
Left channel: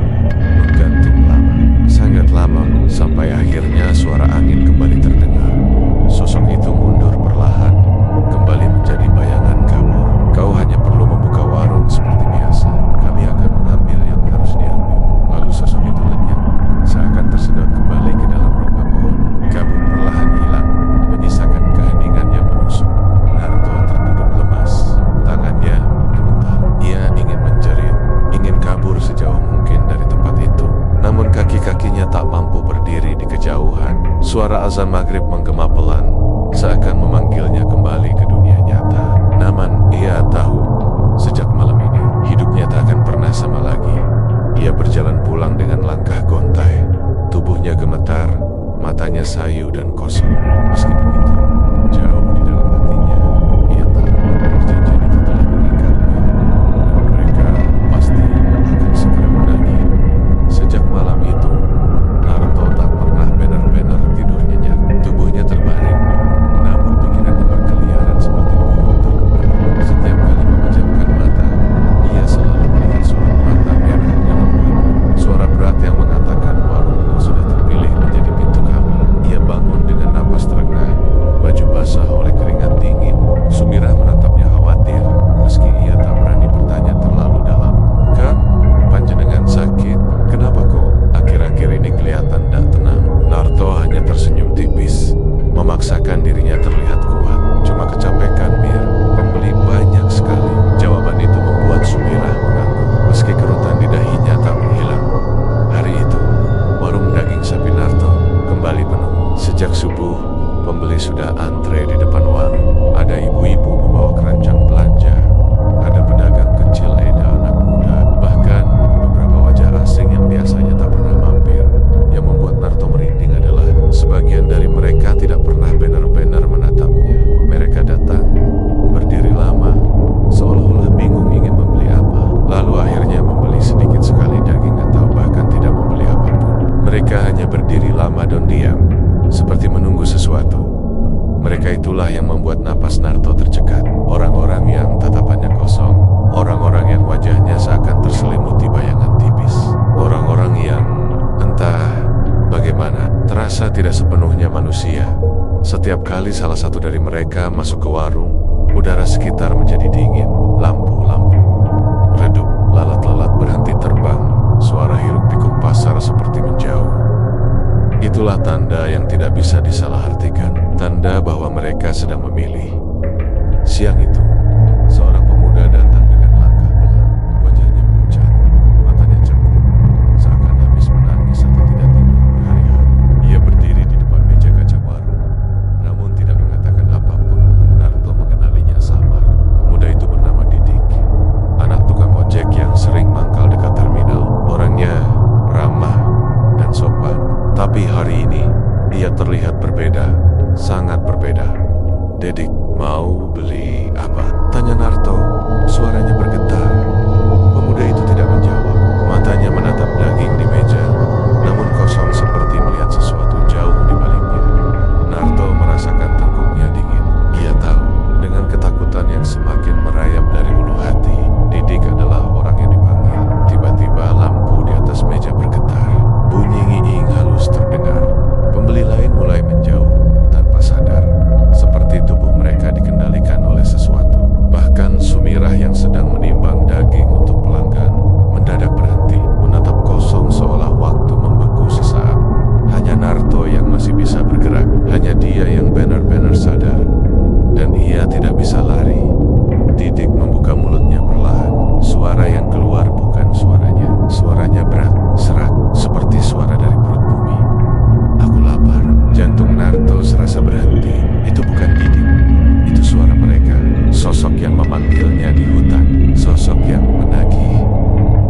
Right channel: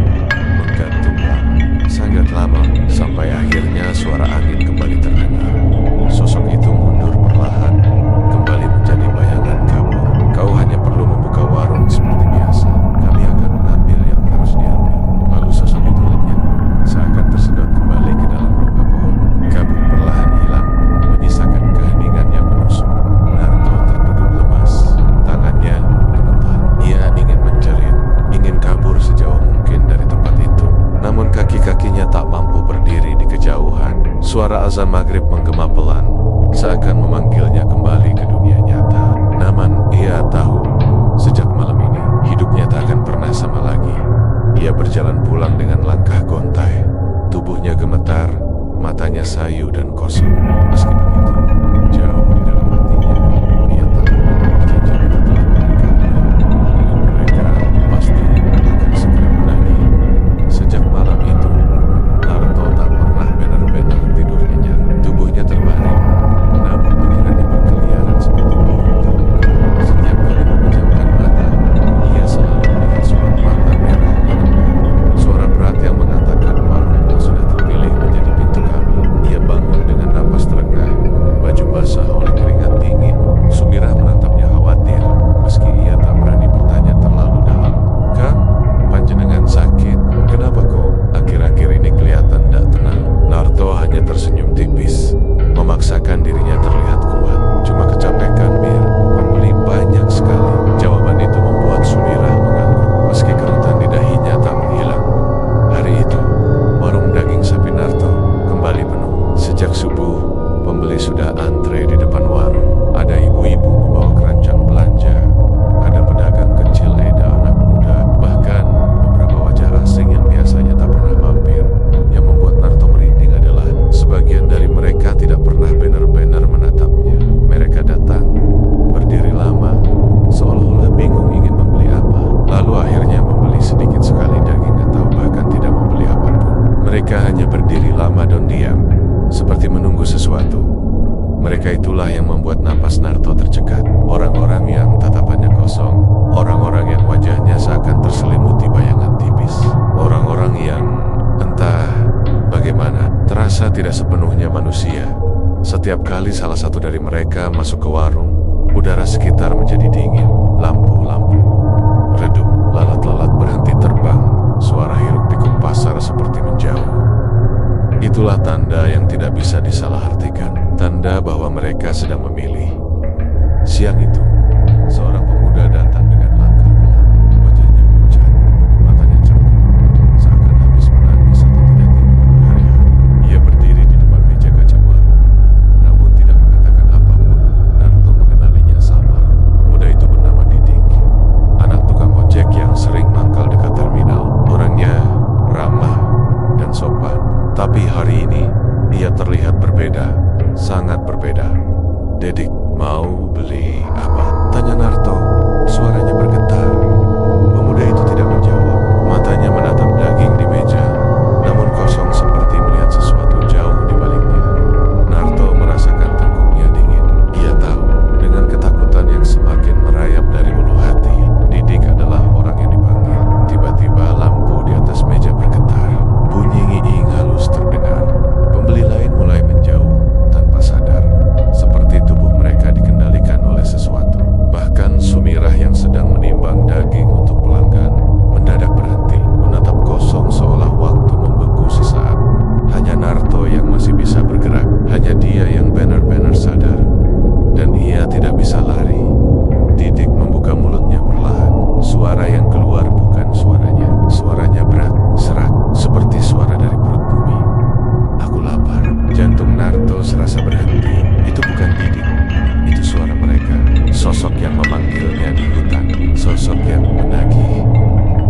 menggantung lama, sangat lama, sampai akhirnya suara angin kembali terdengar. Sosok itu mundur perlahan, kembali menjadi bayangan kabur. Kau hanya perlu membuka warung seperti biasa. Kami akan mengambil yang harus diambil. Lalu sosok itu lenyap, seakan tersedot kembali ke dalam rongga pohon. Kabut perlahan hilang, menyisakan keheningan yang menusuk. Naruto terduduk lemas, tangannya gemetar. Ia ingin menjerit, ingin kabur sejauh mungkin dari tempat itu. Namun kaki-kakinya tak mampu berdiri di kejauhan. Suara azan maghrib menggema pelan, seakan memanggilnya kembali ke dunia nyata. Namun ia tahu, sejak malam ini, hidupnya tak akan pernah sama lagi. Ia berjalan pulang dengan langkah gontai. Tubuhnya gemetar, matanya sayu dan kosong. Meski begitu, jauh di dalam hatinya, ia tahu perjanjian itu telah mengikatnya, dan mereka pasti akan segera menagih. Sejak malam itu, Naruto tak pernah benar-benar tidur nyenyak. Tubuhnya terbaring, namun pikirannya bergerak. Narto hanya tersenyum tipis, memaksakan dirinya terlihat kuat. Cuma kecapekan, Mir. Pembeli banyak sekali. Jawaban itu membuat Sumirah mengangguk, meski kerutan di dahinya tak menghilang. Hari itu, warung daging sapi Narto kembali penuh. Sejak subuh, pembeli sudah antre di depan warung. Ada ibu-ibu membawa keranjang belanja. Ada pedagang kecil Eda anak muda. Bahkan beberapa wajah asing yang biasanya tak pernah mampir. Yang membuat Narto merinding adalah sebagian dari mereka tidak pernah benar-benar menatapnya. Mereka datang, berdiri lama, seolah-olah bingung ingin membeli apa. Lalu akhirnya membeli sedikit sekali daging atau bahkan tidak membeli apapun. Mereka hanya berdiri lama dan diam, seperti menunggu sesuatu. Mereka itulah yang membuat napas Narto tercekat. Orang-orang yang tatapannya kosong, orang-orang yang wajahnya seakan terselimuti bayangan tipis. Orang-orang yang entah bagaimana terasa tidak sepenuhnya manusia. Setiap kali salah satu dari mereka masuk ke warung, udara sekitar menjadi dingin. Lampu-lampu redup, lalat-lalat berhenti terbang. Suara hiruk-pikuk pasar seperti menjauh. Itulah tanda yang tidak bisa disalahartikan. Tanda bahwa mereka sedang memilih. Siang itu, seorang pemuda datang dengan langkah pelan. Wajahnya pucat, matanya cemburu, seakan habis menangis atau tidak tidur berhari-hari. Ia berdiri di depan meja kaca warung, namun tidak mengatakan apapun. Narto mengenalinya samar. Pemuda itu bernama Didik, anak tukang ojek yang sering mangkal dekat terminal. Orangnya ramah dan sopan. Tapi hari ini, ia terlihat berbeda, sangat berbeda. "Dedik, mau beli apa?" tanya Narto. Suaranya bergetar. Pemuda itu tidak menjawab. Matanya menatap daging di meja, namun kosong seperti melihat sesuatu jauh di baliknya. Narto merasakan tengkuknya dingin. Ia tahu, dengan ketakutan yang semakin merayap dari ulu hati, Didik adalah orang yang dipanggil. Tiba-tiba lampu di atas meja bergetar. Bunyi ngiing halus terdengar. Pembeli lain mulai menjauh tanpa sadar, seperti tubuh mereka dikendalikan oleh sesuatu. Bahkan Sumirah yang sedang menimbang daging untuk pelanggan mendadak berhenti, menatap kosong seolah waktu membeku sesaat. Hanya Narto yang masih bisa bergerak, hanya dia yang benar-benar sadar. Dan ia tidak bisa lari. Didik membuka mulutnya perlahan. Suara yang keluar bukan suaranya. Suaranya berat, serak, seperti suara dari perut bumi. "Aku lapar." Jantung Narto serasa berhenti. Itu bukan Didik. Itu suara mereka. Sosok yang memanggilnya di hutan. Sosok yang menagih.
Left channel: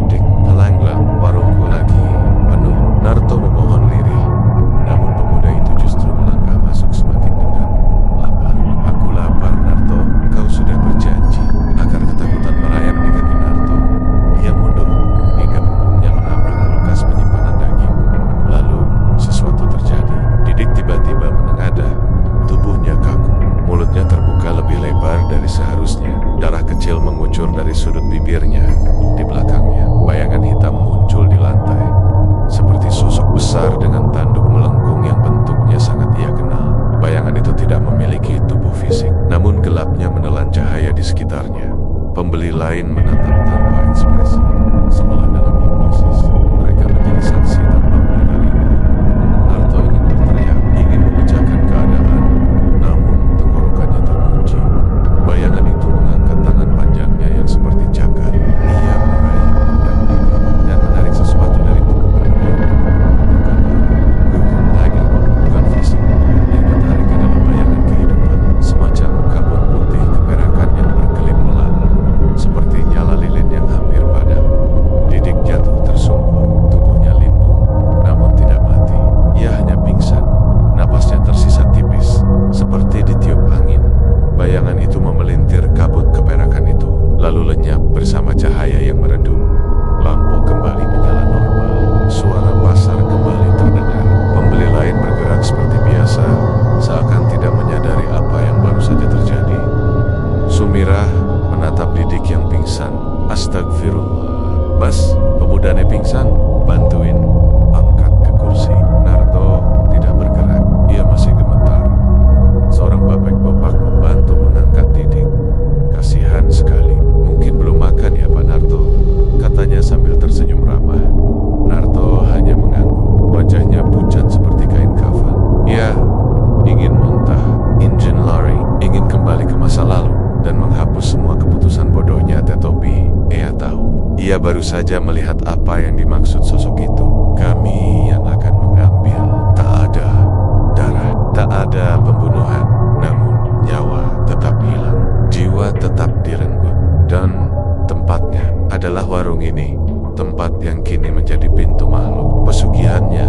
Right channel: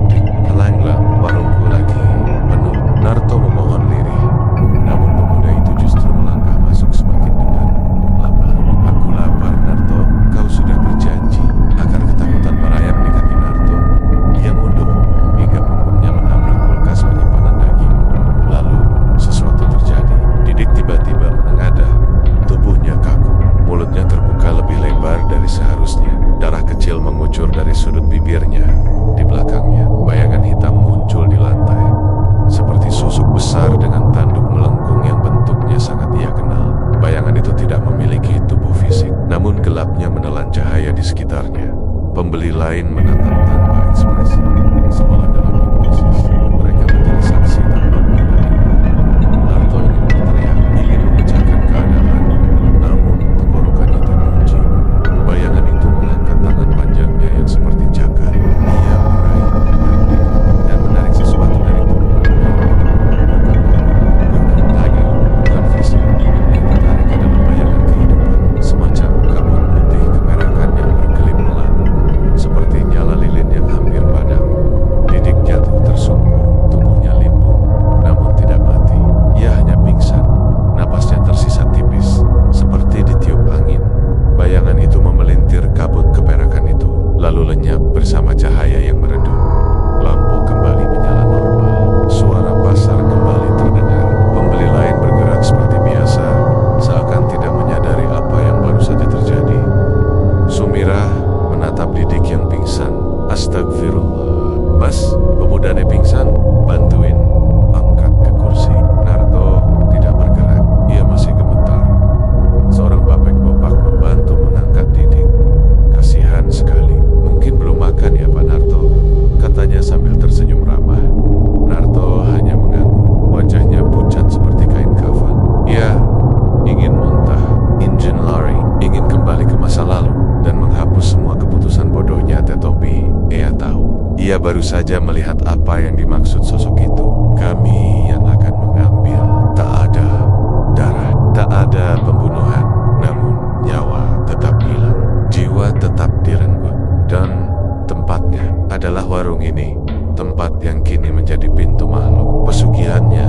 "Dik, pelanglah, warungku lagi penuh." Narto memohon lirih. Namun pemuda itu justru melangkah masuk semakin dekat. "Lapar. Aku lapar, Narto. Kau sudah berjanji." Akar ketakutan merayap di kaki Narto. Ia mundur hingga punggungnya menabrak kulkas penyimpanan daging. Lalu sesuatu terjadi. Didik tiba-tiba menengadah. Tubuhnya kaku. Mulutnya terbuka lebih lebar dari seharusnya. Darah kecil mengucur dari sudut bibirnya. Di belakangnya, bayangan hitam muncul di lantai. Seperti sosok besar dengan tanduk melengkung yang bentuknya sangat ia kenal. Bayangan itu tidak memiliki tubuh fisik, namun gelapnya menelan cahaya di sekitarnya. Pembeli lain menatap tanpa ekspresi, seolah dalam hipnosis. Mereka menjadi saksi tanpa menyadarinya. Narto ingin berteriak, ingin memecahkan keadaan, namun tenggorokannya terkunci. Bayangan itu mengangkat tangan panjangnya yang seperti cakar. Ia meraih pundak Didik dan menarik sesuatu dari tubuh pemuda itu. Bukan darah, bukan daging, bukan fisik. Yang ditarik adalah bayangan kehidupan, semacam kabut putih keperakan yang berkelip melan, seperti nyala lilin yang hampir padam. Didik jatuh tersungkur, tubuhnya limbung, namun tidak mati. Ia hanya pingsan, napasnya tersisa tipis, seperti ditiup angin. Bayangan itu memelintir kabut keperakan itu, lalu lenyap bersama cahaya yang meredup. Lampu kembali menyala normal, suara pasar kembali terdengar. Pembeli lain bergerak seperti biasa, seakan tidak menyadari apa yang baru saja terjadi. Sumirah menatap Didik yang pingsan. "Astagfirullah. Mas, pemudanya pingsan. Bantuin angkat ke kursi." Narto tidak bergerak. Ia masih gemetar. Seorang babek-bopak membantu mengangkat Didik. "Kasihan sekali. Mungkin belum makan ya Pak Narto?" katanya sambil tersenyum ramah. Narto hanya mengangguk. Wajahnya pucat seperti kain kafan. Ia baru saja melihat apa yang dimaksud sosok itu. Kami yang akan mengambil. Tak ada darah, tak ada pembunuhan, namun nyawa tetap hilang, jiwa tetap direnggut. Dan tempatnya adalah warung ini, tempat yang kini menjadi pintu makhluk pesugihannya.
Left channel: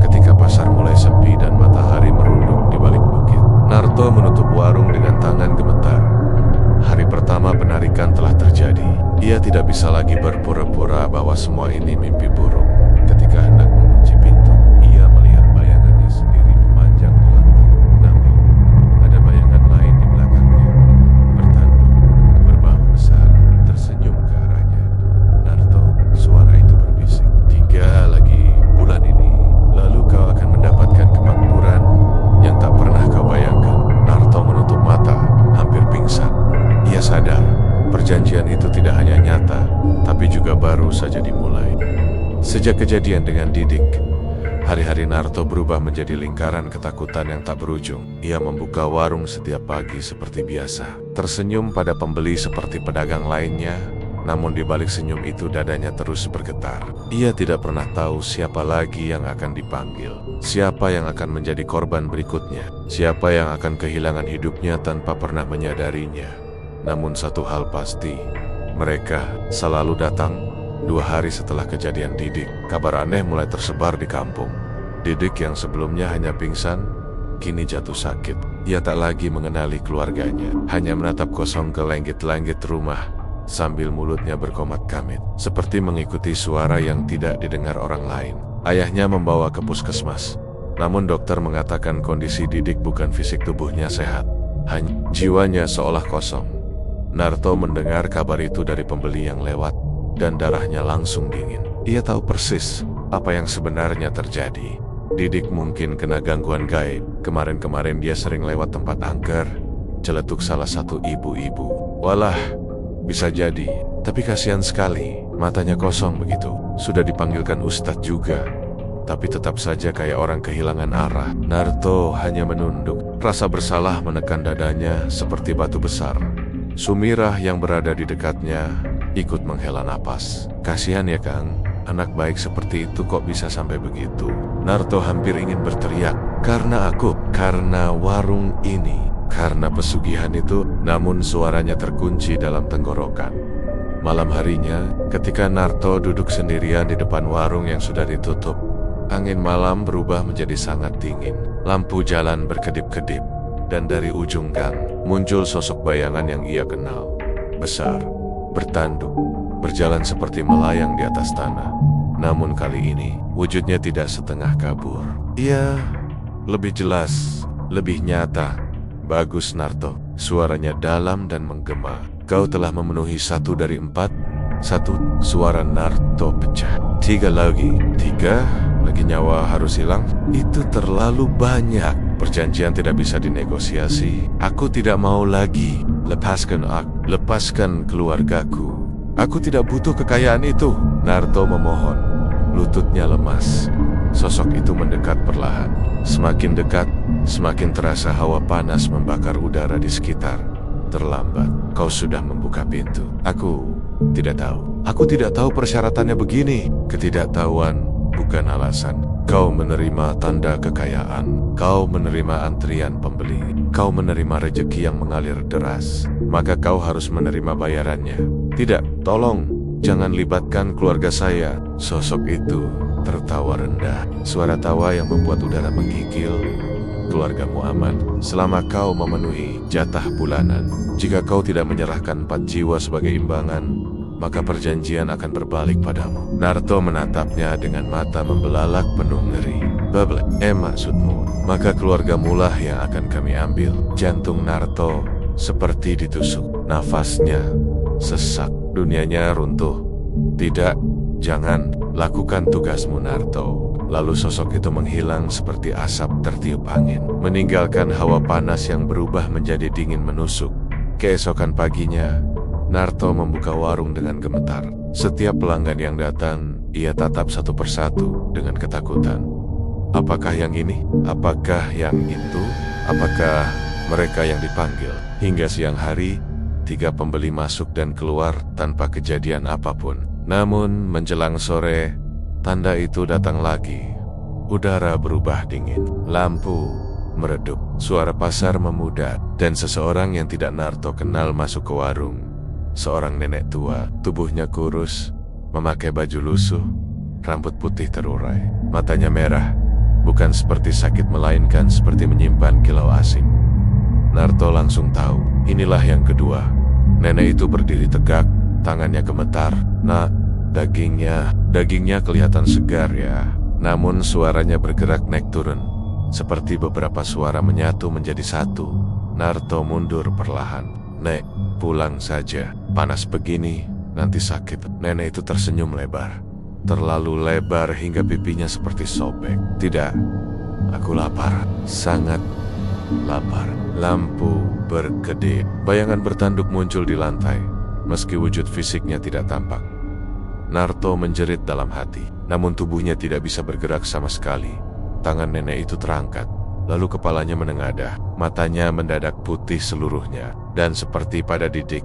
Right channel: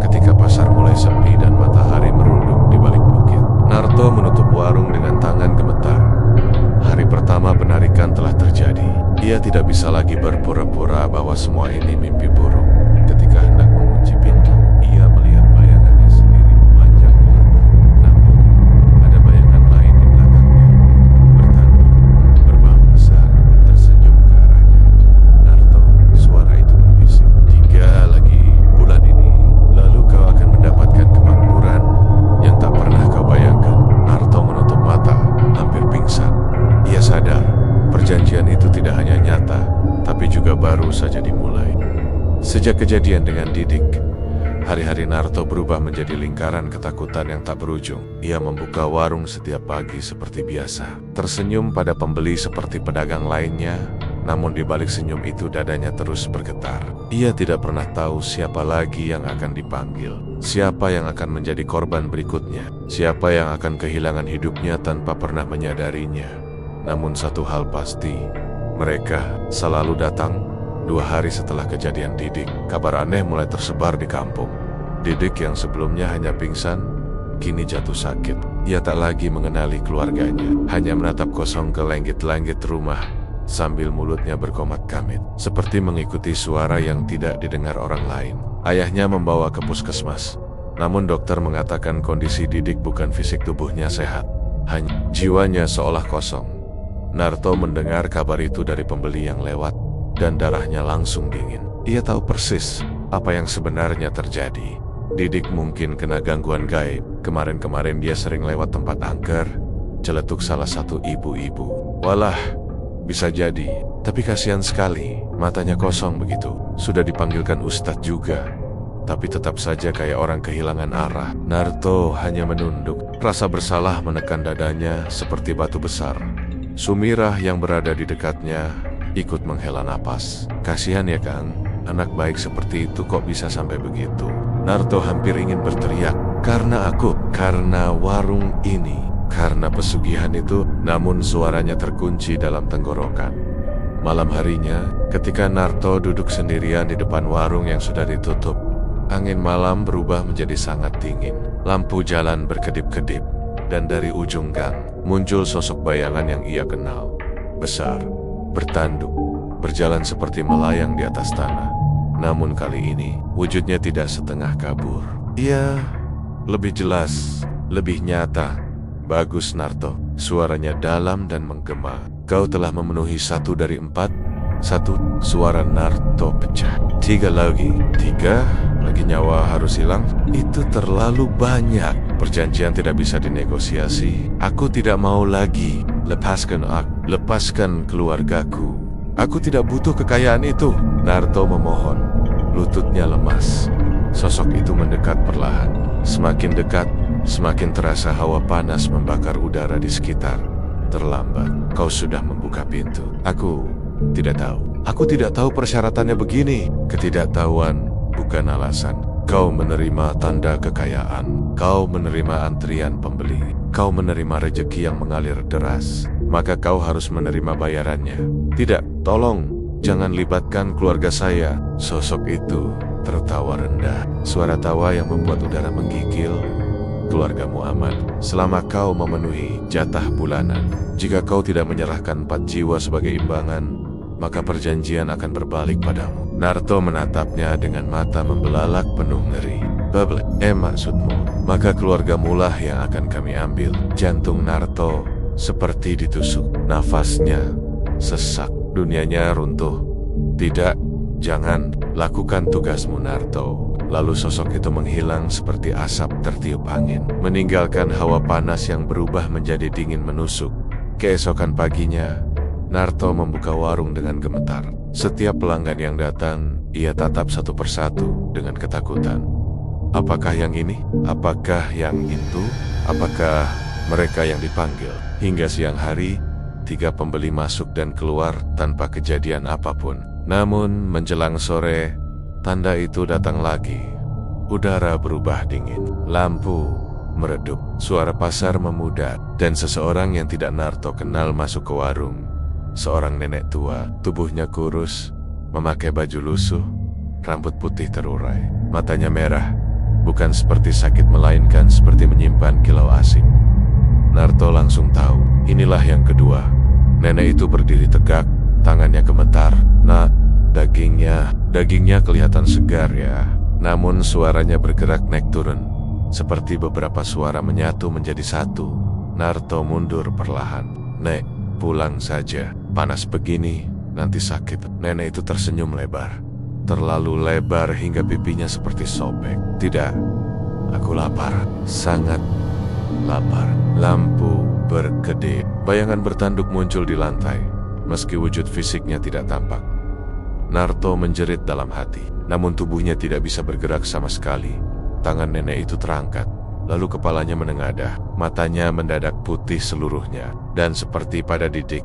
Ketika pasar mulai sepi dan matahari merunduk di balik bukit, Narto menutup warung dengan tangan gemetar. Hari pertama penarikan telah terjadi. Ia tidak bisa lagi berpura-pura bahwa semua ini mimpi buruk. Ketika hendak mengunci pintu, ia melihat bayangannya sendiri memanjang di lantai. Namun, ada bayangan lain di belakangnya, bertanduk, berbahu besar, tersenyum ke arahnya. Narto, suara itu berbisik. 3 lagi bulan ini, lalu kau akan mendapatkan kemakmuran yang tak pernah kau bayangkan. Narto menutup mata, hampir pingsan. Ia sadar, perjanjian itu tidak hanya nyata, tapi juga baru saja dimulai. Sejak kejadian dengan Didik, hari-hari Narto berubah menjadi lingkaran ketakutan yang tak berujung. Ia membuka warung setiap pagi seperti biasa, tersenyum pada pembeli seperti pedagang lainnya, namun di balik senyum itu dadanya terus bergetar. Ia tidak pernah tahu siapa lagi yang akan dipanggil, siapa yang akan menjadi korban berikutnya, siapa yang akan kehilangan hidupnya tanpa pernah menyadarinya. Namun satu hal pasti, mereka selalu datang. 2 hari setelah kejadian Didik, kabar aneh mulai tersebar di kampung. Didik yang sebelumnya hanya pingsan, kini jatuh sakit. Ia tak lagi mengenali keluarganya, hanya menatap kosong ke langit-langit rumah, sambil mulutnya berkomat-kamit, seperti mengikuti suara yang tidak didengar orang lain. Ayahnya membawa ke puskesmas, namun dokter mengatakan kondisi Didik bukan fisik tubuhnya sehat, hanya jiwanya seolah kosong. Narto mendengar kabar itu dari pembeli yang lewat, dan darahnya langsung dingin. Ia tahu persis apa yang sebenarnya terjadi. Didik mungkin kena gangguan gaib. Kemarin-kemarin dia sering lewat tempat angker, celetuk salah satu ibu-ibu. Walah, bisa jadi. Tapi kasihan sekali, matanya kosong begitu. Sudah dipanggilkan ustadz juga, tapi tetap saja kayak orang kehilangan arah. Narto hanya menunduk. Rasa bersalah menekan dadanya seperti batu besar. Sumirah yang berada di dekatnya ikut menghela napas. Kasihan ya Kang, anak baik seperti itu kok bisa sampai begitu. Narto hampir ingin berteriak, karena aku, karena warung ini, karena pesugihan itu, namun suaranya terkunci dalam tenggorokan. Malam harinya, ketika Narto duduk sendirian di depan warung yang sudah ditutup, angin malam berubah menjadi sangat dingin. Lampu jalan berkedip-kedip, dan dari ujung gang muncul sosok bayangan yang ia kenal. Besar, bertanduk, berjalan seperti melayang di atas tanah. Namun kali ini, wujudnya tidak setengah kabur. Ia lebih jelas, lebih nyata. Bagus Narto, suaranya dalam dan menggema. Kau telah memenuhi 1 dari 4. 1, suara Narto pecah. 3 lagi. 3 lagi nyawa harus hilang. Itu terlalu banyak. Perjanjian tidak bisa dinegosiasi. Aku tidak mau lagi. Lepaskan aku, lepaskan keluargaku. Aku tidak butuh kekayaan itu. Narto memohon. Lututnya lemas. Sosok itu mendekat perlahan. Semakin dekat, semakin terasa hawa panas membakar udara di sekitar. Terlambat, kau sudah membuka pintu. Aku tidak tahu. Aku tidak tahu persyaratannya begini. Ketidaktahuan bukan alasan. Kau menerima tanda kekayaan. Kau menerima antrian pembeli. Kau menerima rejeki yang mengalir deras. Maka kau harus menerima bayarannya. Tidak, tolong, jangan libatkan keluarga saya. Sosok itu tertawa rendah. Suara tawa yang membuat udara menggigil. Keluargamu aman selama kau memenuhi jatah bulanan. Jika kau tidak menyerahkan 4 jiwa sebagai imbangan, maka perjanjian akan berbalik padamu. Narto menatapnya dengan mata membelalak penuh ngeri. Bablet, maksudmu? Maka keluargamu lah yang akan kami ambil. Jantung Narto seperti ditusuk. Nafasnya sesak. Dunianya runtuh. Tidak, jangan. Lakukan tugasmu Narto. Lalu sosok itu menghilang seperti asap tertiup angin, meninggalkan hawa panas yang berubah menjadi dingin menusuk. Keesokan paginya, Narto membuka warung dengan gemetar. Setiap pelanggan yang datang, ia tatap satu persatu dengan ketakutan. Apakah yang ini? Apakah yang itu? Apakah mereka yang dipanggil? Hingga siang hari, 3 pembeli masuk dan keluar tanpa kejadian apapun. Namun menjelang sore, tanda itu datang lagi. Udara berubah dingin, lampu meredup, suara pasar memudar, dan seseorang yang tidak Narto kenal masuk ke warung. Seorang nenek tua, tubuhnya kurus, memakai baju lusuh, rambut putih terurai, matanya merah, bukan seperti sakit melainkan seperti menyimpan kilau asing. Narto langsung tahu, inilah yang kedua. Nenek itu berdiri tegak, tangannya gemetar. Nah, dagingnya kelihatan segar ya. Namun suaranya bergerak naik turun, seperti beberapa suara menyatu menjadi satu. Narto mundur perlahan. Nek, pulang saja. Panas begini, nanti sakit. Nenek itu tersenyum lebar. Terlalu lebar hingga pipinya seperti sobek. Tidak, aku lapar. Sangat lapar. Lampu berkedip. Bayangan bertanduk muncul di lantai, meski wujud fisiknya tidak tampak. Narto menjerit dalam hati, namun tubuhnya tidak bisa bergerak sama sekali. Tangan nenek itu terangkat, lalu kepalanya menengadah, matanya mendadak putih seluruhnya, dan seperti pada didik,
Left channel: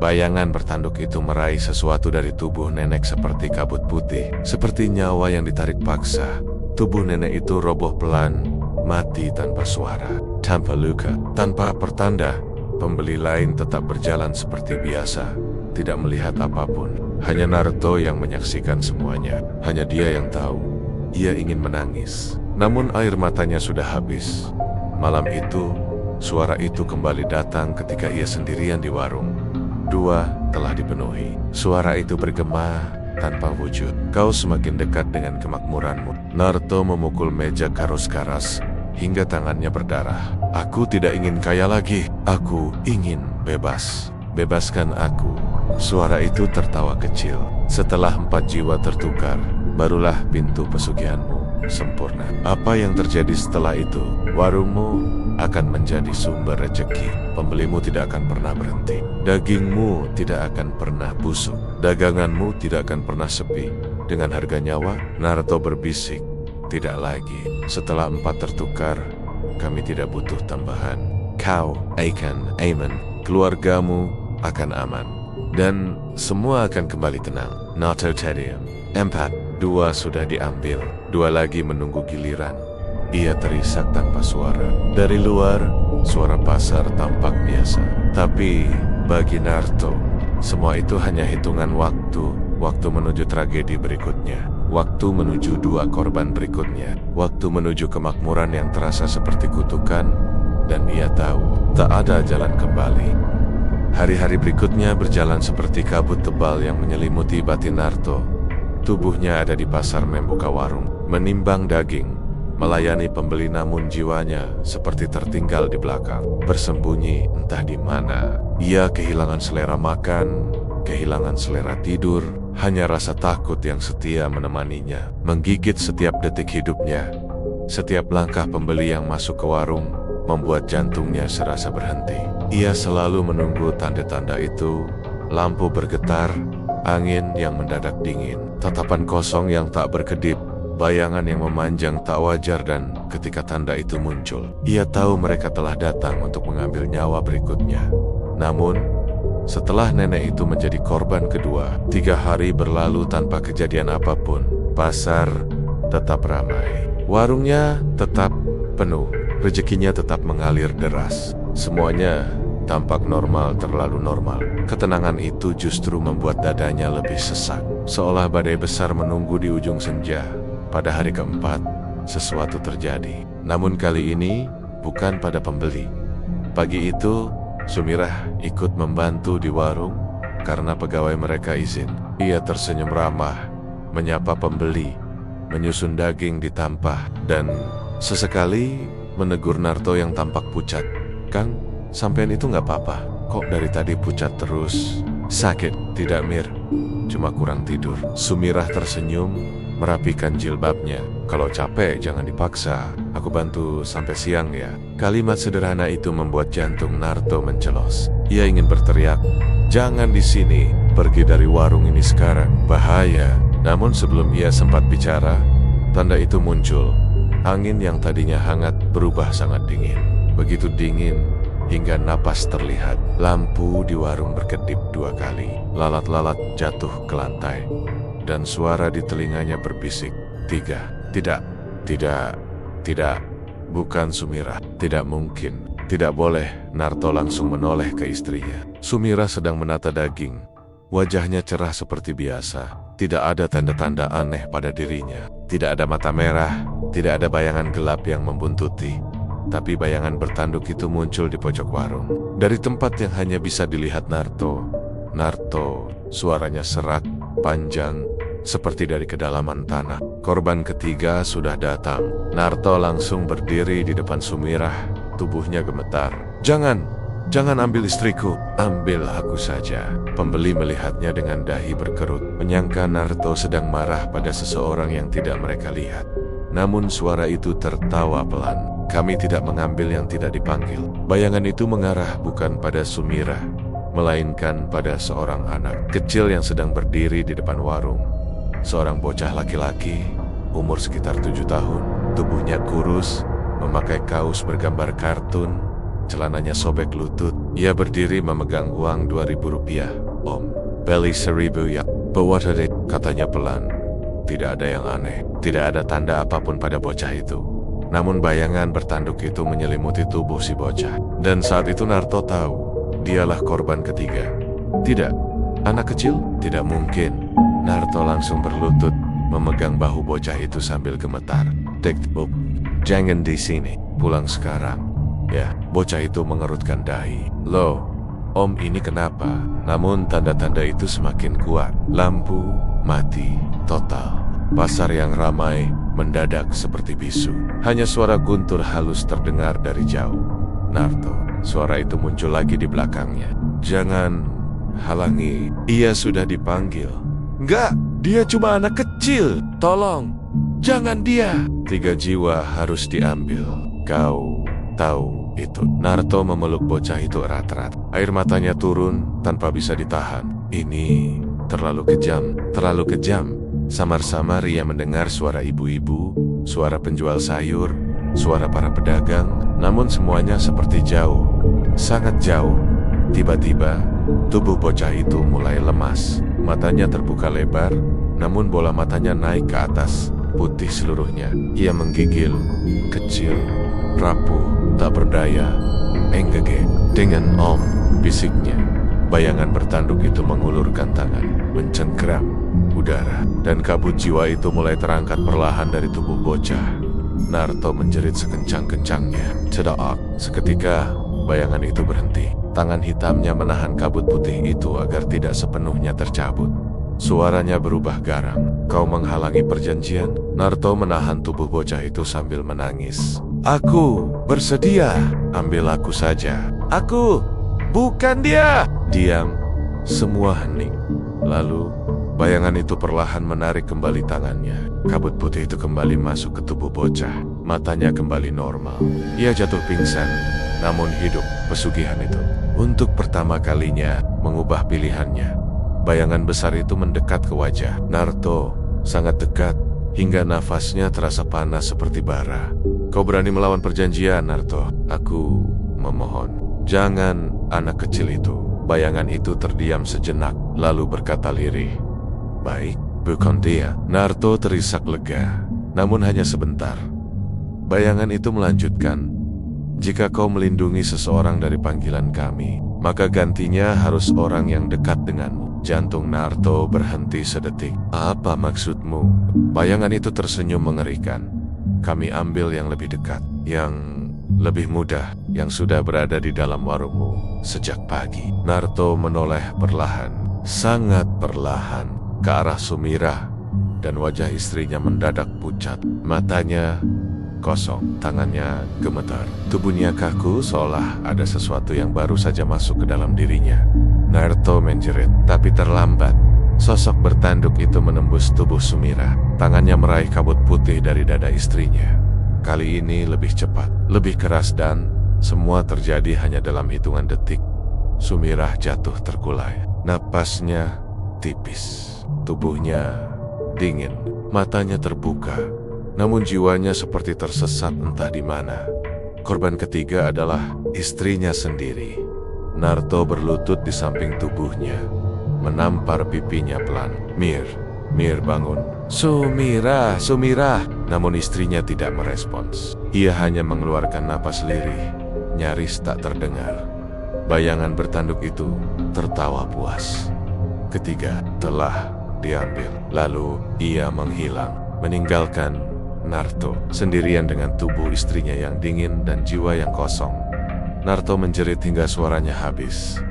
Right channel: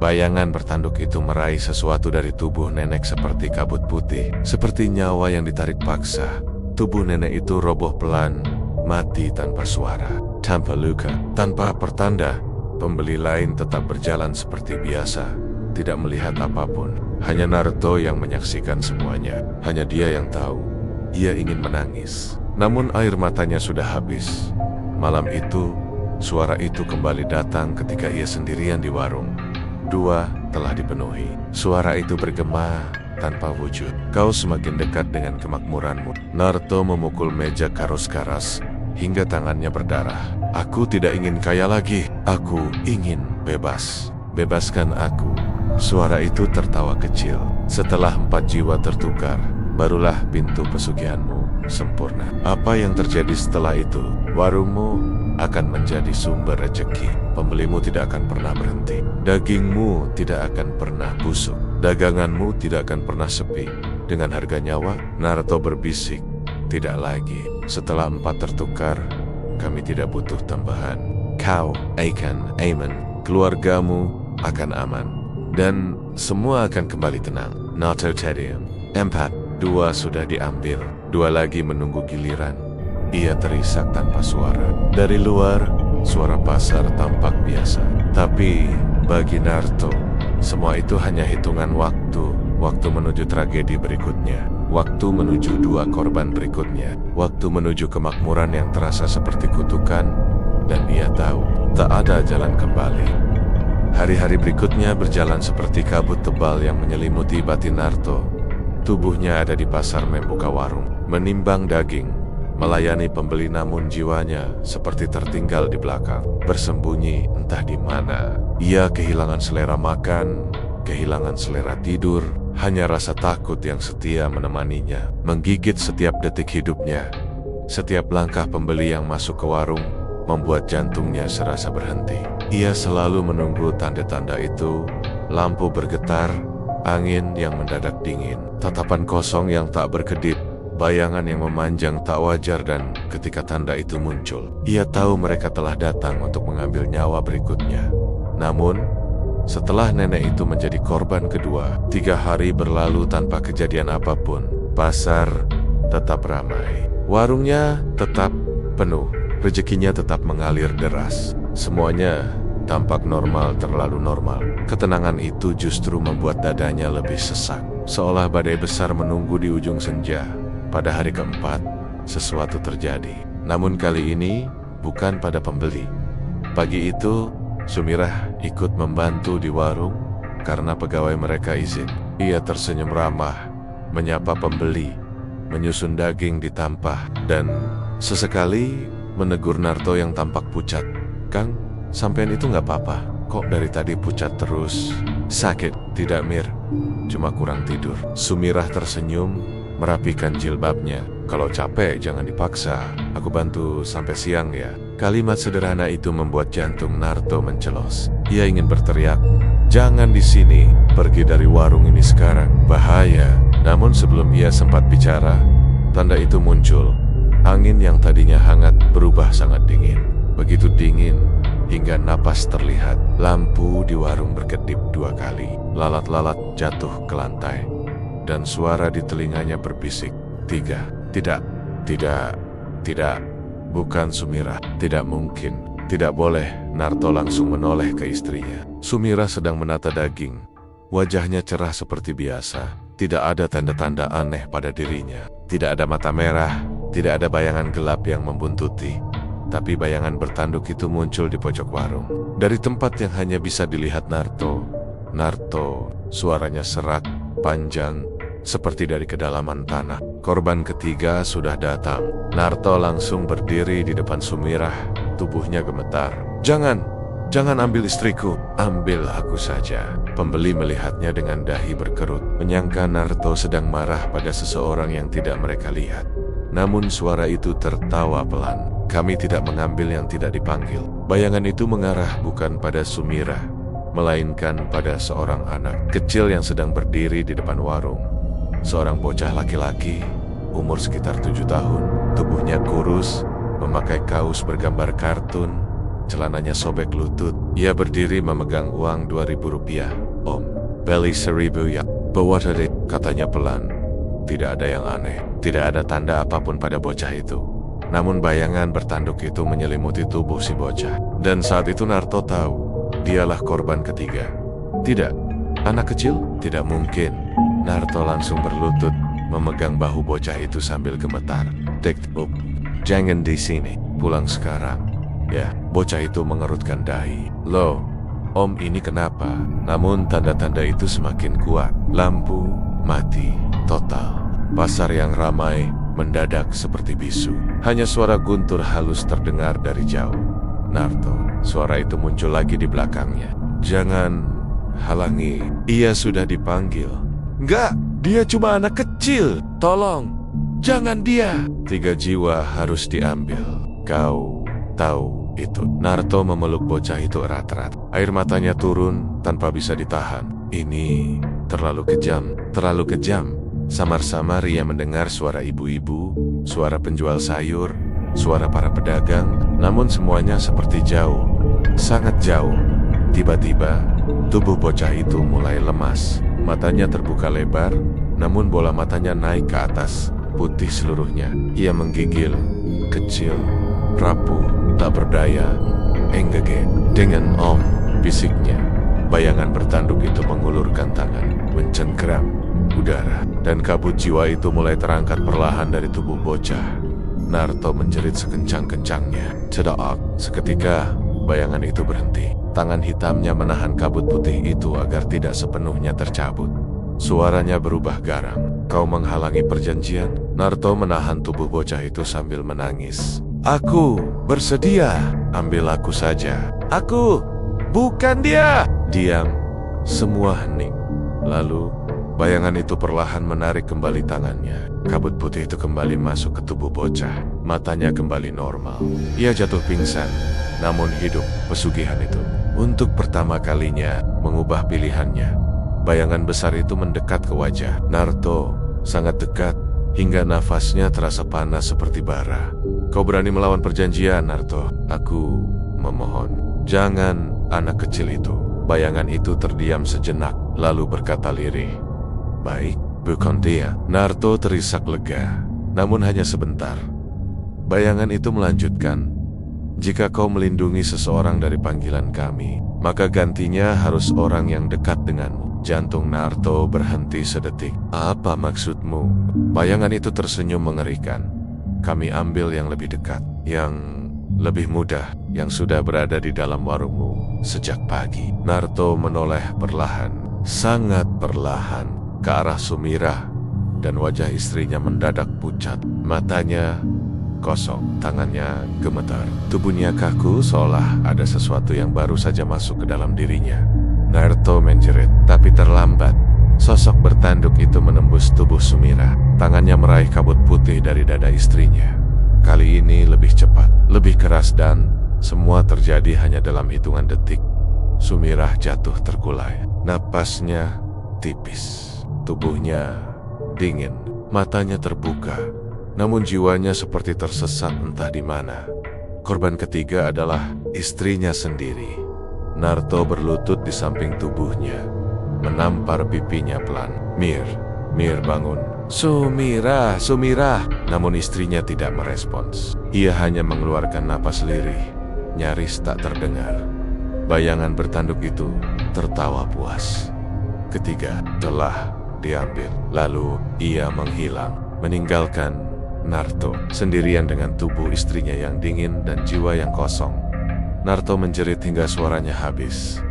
bayangan bertanduk itu meraih sesuatu dari tubuh nenek seperti kabut putih, seperti nyawa yang ditarik paksa. Tubuh nenek itu roboh pelan, mati tanpa suara, tanpa luka, tanpa pertanda. Pembeli lain tetap berjalan seperti biasa, tidak melihat apapun. Hanya Narto yang menyaksikan semuanya. Hanya dia yang tahu. Ia ingin menangis, namun air matanya sudah habis. Malam itu, suara itu kembali datang ketika ia sendirian di warung. Dua telah dipenuhi. Suara itu bergema tanpa wujud. Kau semakin dekat dengan kemakmuranmu. Narto memukul meja karos-karas hingga tangannya berdarah. Aku tidak ingin kaya lagi. Aku ingin bebas. Bebaskan aku. Suara itu tertawa kecil. Setelah 4 jiwa tertukar, barulah pintu pesugihanmu sempurna. Apa yang terjadi setelah itu? Warungmu akan menjadi sumber rezeki. Pembelimu tidak akan pernah berhenti. Dagingmu tidak akan pernah busuk. Daganganmu tidak akan pernah sepi. Dengan harga nyawa, Narto berbisik. Tidak lagi. Setelah 4 tertukar, kami tidak butuh tambahan. Kau akan aman. Keluargamu akan aman. Dan semua akan kembali tenang. Narto Tedium. 4. 2 sudah diambil. 2 lagi menunggu giliran. Ia terisak tanpa suara. Dari luar, suara pasar tampak biasa. Tapi bagi Narto, semua itu hanya hitungan waktu. Waktu menuju tragedi berikutnya. Waktu menuju 2 korban berikutnya. Waktu menuju kemakmuran yang terasa seperti kutukan. Dan ia tahu, tak ada jalan kembali. Hari-hari berikutnya berjalan seperti kabut tebal yang menyelimuti batin Narto. Tubuhnya ada di pasar membuka warung, menimbang daging, melayani pembeli, namun jiwanya seperti tertinggal di belakang, bersembunyi entah di mana. Ia kehilangan selera makan, kehilangan selera tidur, hanya rasa takut yang setia menemaninya, menggigit setiap detik hidupnya. Setiap langkah pembeli yang masuk ke warung membuat jantungnya serasa berhenti. Ia selalu menunggu tanda-tanda itu, lampu bergetar, angin yang mendadak dingin, tatapan kosong yang tak berkedip, bayangan yang memanjang tak wajar, dan ketika tanda itu muncul, ia tahu mereka telah datang untuk mengambil nyawa berikutnya. Namun, setelah nenek itu menjadi korban kedua, 3 hari berlalu tanpa kejadian apapun. Pasar tetap ramai, warungnya tetap penuh, rezekinya tetap mengalir deras. Semuanya tampak normal, terlalu normal. Ketenangan itu justru membuat dadanya lebih sesak, seolah badai besar menunggu di ujung senja. Pada hari keempat, sesuatu terjadi. Namun kali ini bukan pada pembeli. Pagi itu, Sumirah ikut membantu di warung karena pegawai mereka izin. Ia tersenyum ramah, menyapa pembeli, menyusun daging di tampah, dan sesekali menegur Narto yang tampak pucat. Kang, sampean itu nggak apa-apa? Kok dari tadi pucat terus? Sakit? Tidak, Mir. Cuma kurang tidur. Sumirah tersenyum, merapikan jilbabnya. Kalau capek jangan dipaksa. Aku bantu sampai siang ya. Kalimat sederhana itu membuat jantung Narto mencelos. Ia ingin berteriak, jangan di sini, pergi dari warung ini sekarang, bahaya. Namun sebelum ia sempat bicara, tanda itu muncul. Angin yang tadinya hangat berubah sangat dingin. Begitu dingin, hingga napas terlihat. Lampu di warung berkedip 2 kali. Lalat-lalat jatuh ke lantai. Dan suara di telinganya berbisik. 3. Tidak. Bukan Sumira. Tidak mungkin. Tidak boleh. Narto langsung menoleh ke istrinya. Sumira sedang menata daging. Wajahnya cerah seperti biasa. Tidak ada tanda-tanda aneh pada dirinya. Tidak ada mata merah. Tidak ada bayangan gelap yang membuntuti. Tapi bayangan bertanduk itu muncul di pojok warung. Dari tempat yang hanya bisa dilihat Narto, suaranya serak, panjang, seperti dari kedalaman tanah. Korban ketiga sudah datang. Narto langsung berdiri di depan Sumirah. Tubuhnya gemetar. Jangan ambil istriku. Ambil aku saja. Pembeli melihatnya dengan dahi berkerut. Menyangka Narto sedang marah pada seseorang yang tidak mereka lihat. Namun suara itu tertawa pelan. Kami tidak mengambil yang tidak dipanggil. Bayangan itu mengarah bukan pada Sumirah, melainkan pada seorang anak kecil yang sedang berdiri di depan warung. Seorang bocah laki-laki, umur sekitar 7 tahun, tubuhnya kurus, memakai kaos bergambar kartun, celananya sobek lutut. Ia berdiri memegang uang 2.000 rupiah. Om, beli 1.000 ya. Bawa tadi, katanya pelan. Tidak ada yang aneh, tidak ada tanda apapun pada bocah itu. Namun bayangan bertanduk itu menyelimuti tubuh si bocah. Dan saat itu Narto tahu, dialah korban ketiga. Tidak, anak kecil? Tidak mungkin. Narto langsung berlutut, memegang bahu bocah itu sambil gemetar. Jangan di sini, pulang sekarang. Ya, bocah itu mengerutkan dahi. Loh, Om ini kenapa? Namun tanda-tanda itu semakin kuat. Lampu mati total. Pasar yang ramai mendadak seperti bisu. Hanya suara guntur halus terdengar dari jauh. Narto, suara itu muncul lagi di belakangnya. Jangan halangi, ia sudah dipanggil. Enggak, dia cuma anak kecil. Tolong, jangan dia. 3 jiwa harus diambil. Kau tahu itu. Narto memeluk bocah itu erat-erat. Air matanya turun tanpa bisa ditahan. Ini terlalu kejam, terlalu kejam. Samar-samar ia mendengar suara ibu-ibu, suara penjual sayur, suara para pedagang, namun semuanya seperti jauh, sangat jauh. Tiba-tiba, tubuh bocah itu mulai lemas. Matanya terbuka lebar, namun bola matanya naik ke atas, putih seluruhnya. Ia menggigil, kecil, rapuh, tak berdaya. Enggege, dengan Om, bisiknya. Bayangan bertanduk itu mengulurkan tangan, mencengkeram udara, dan kabut jiwa itu mulai terangkat perlahan dari tubuh bocah. Narto menjerit sekencang-kencangnya. Cedak, seketika bayangan itu berhenti. Tangan hitamnya menahan kabut putih itu agar tidak sepenuhnya tercabut. Suaranya berubah garang. Kau menghalangi perjanjian? Narto menahan tubuh bocah itu sambil menangis. Aku bersedia, ambil aku saja. Aku, bukan dia. Diam, semua hening. Lalu bayangan itu perlahan menarik kembali tangannya. Kabut putih itu kembali masuk ke tubuh bocah. Matanya kembali normal. Ia jatuh pingsan, namun hidup pesugihan itu. Untuk pertama kalinya mengubah pilihannya. Bayangan besar itu mendekat ke wajah Narto, sangat dekat, hingga nafasnya terasa panas seperti bara. Kau berani melawan perjanjian, Narto? Aku memohon. Jangan, anak kecil itu. Bayangan itu terdiam sejenak, lalu berkata lirih. Baik, bukan dia. Narto terisak lega, namun hanya sebentar. Bayangan itu melanjutkan. Jika kau melindungi seseorang dari panggilan kami, maka gantinya harus orang yang dekat denganmu. Jantung Narto berhenti sedetik. Apa maksudmu? Bayangan itu tersenyum mengerikan. Kami ambil yang lebih dekat, yang lebih mudah, yang sudah berada di dalam warungmu sejak pagi. Narto menoleh perlahan, sangat perlahan, ke arah Sumirah, dan wajah istrinya mendadak pucat. Matanya kosong, tangannya gemetar. Tubuhnya kaku seolah ada sesuatu yang baru saja masuk ke dalam dirinya. Narto menjerit, tapi terlambat. Sosok bertanduk itu menembus tubuh Sumirah. Tangannya meraih kabut putih dari dada istrinya. Kali ini lebih cepat, lebih keras, dan semua terjadi hanya dalam hitungan detik. Sumirah jatuh terkulai. Napasnya tipis. Tubuhnya dingin. Matanya terbuka. Namun jiwanya seperti tersesat entah di mana. Korban ketiga adalah istrinya sendiri. Narto berlutut di samping tubuhnya, menampar pipinya pelan. Mir bangun. Sumira. Namun istrinya tidak merespons. Ia hanya mengeluarkan napas lirih, nyaris tak terdengar. Bayangan bertanduk itu tertawa puas. Ketiga telah diambil. Lalu ia menghilang, meninggalkan Narto sendirian dengan tubuh istrinya yang dingin dan jiwa yang kosong. Narto menjerit hingga suaranya habis.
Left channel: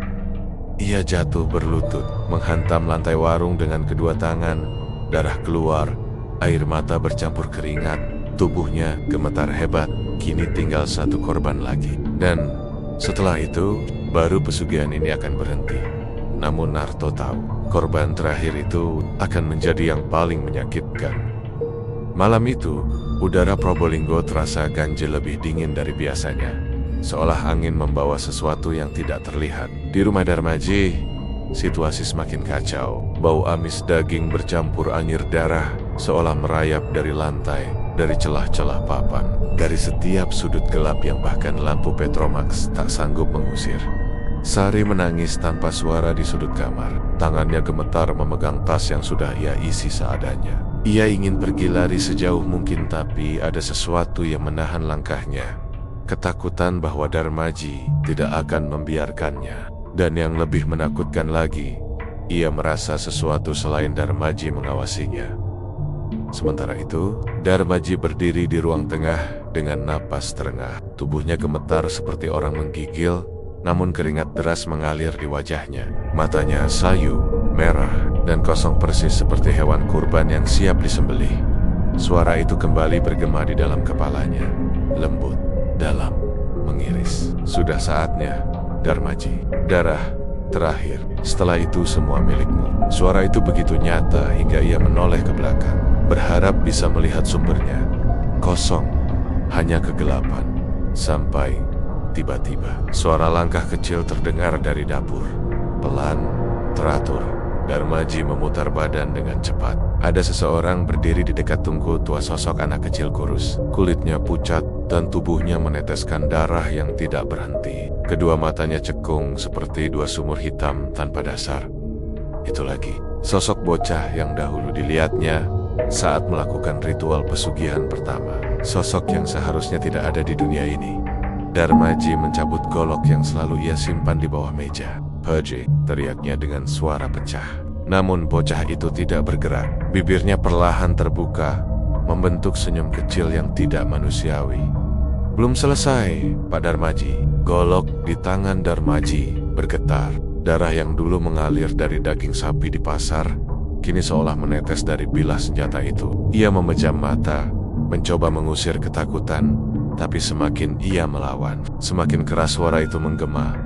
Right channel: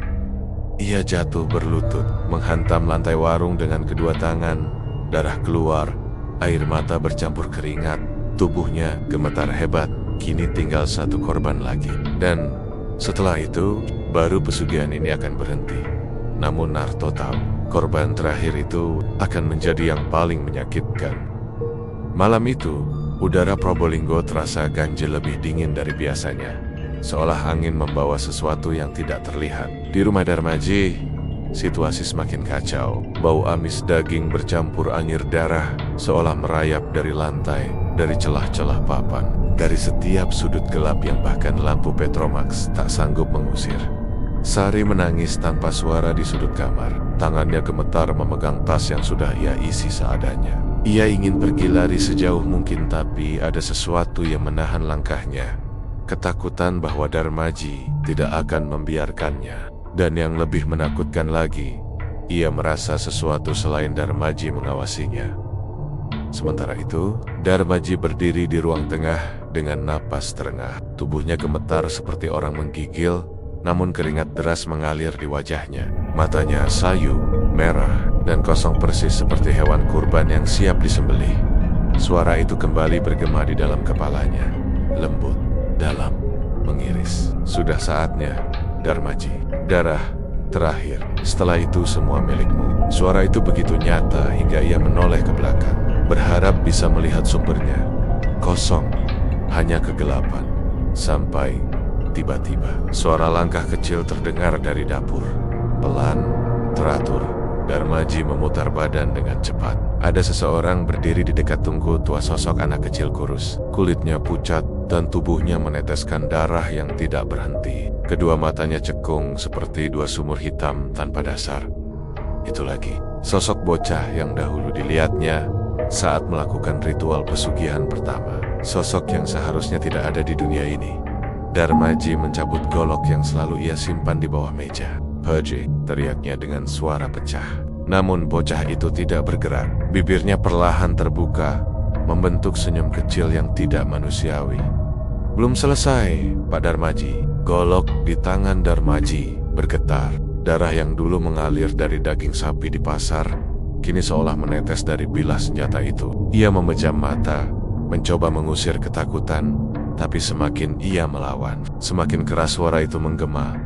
Ia jatuh berlutut, menghantam lantai warung dengan kedua tangan. Darah keluar, air mata bercampur keringat. Tubuhnya gemetar hebat. Kini tinggal satu korban lagi. Dan setelah itu, baru pesugihan ini akan berhenti. Namun Narto tahu, korban terakhir itu akan menjadi yang paling menyakitkan. Malam itu, udara Probolinggo terasa ganjil lebih dingin dari biasanya. Seolah angin membawa sesuatu yang tidak terlihat. Di rumah Darmaji, situasi semakin kacau. Bau amis daging bercampur anyir darah, seolah merayap dari lantai, dari celah-celah papan, dari setiap sudut gelap yang bahkan lampu Petromax tak sanggup mengusir. Sari menangis tanpa suara di sudut kamar. Tangannya gemetar memegang tas yang sudah ia isi seadanya. Ia ingin pergi lari sejauh mungkin, tapi ada sesuatu yang menahan langkahnya. Ketakutan bahwa Darmaji tidak akan membiarkannya. Dan yang lebih menakutkan lagi, ia merasa sesuatu selain Darmaji mengawasinya. Sementara itu, Darmaji berdiri di ruang tengah dengan napas terengah. Tubuhnya gemetar seperti orang menggigil, namun keringat deras mengalir di wajahnya. Matanya sayu, merah, dan kosong persis seperti hewan kurban yang siap disembelih. Suara itu kembali bergema di dalam kepalanya, lembut, dalam, mengiris. Sudah saatnya, Darmaji. Darah terakhir. Setelah itu semua milikmu. Suara itu begitu nyata hingga ia menoleh ke belakang, berharap bisa melihat sumbernya. Kosong, hanya kegelapan. Sampai tiba-tiba, suara langkah kecil terdengar dari dapur. Pelan, teratur. Darmaji memutar badan dengan cepat. Ada seseorang berdiri di dekat tungku tua, sosok anak kecil kurus. Kulitnya pucat dan tubuhnya meneteskan darah yang tidak berhenti. Kedua matanya cekung seperti dua sumur hitam tanpa dasar. Itu lagi, sosok bocah yang dahulu dilihatnya saat melakukan ritual pesugihan pertama. Sosok yang seharusnya tidak ada di dunia ini. Darmaji mencabut golok yang selalu ia simpan di bawah meja. Pergi, teriaknya dengan suara pecah. Namun bocah itu tidak bergerak. Bibirnya perlahan terbuka, membentuk senyum kecil yang tidak manusiawi. Belum selesai, Pak Darmaji. Golok di tangan Darmaji bergetar. Darah yang dulu mengalir dari daging sapi di pasar, kini seolah menetes dari bilah senjata itu. Ia memejam mata, mencoba mengusir ketakutan, tapi semakin ia melawan, semakin keras suara itu menggema.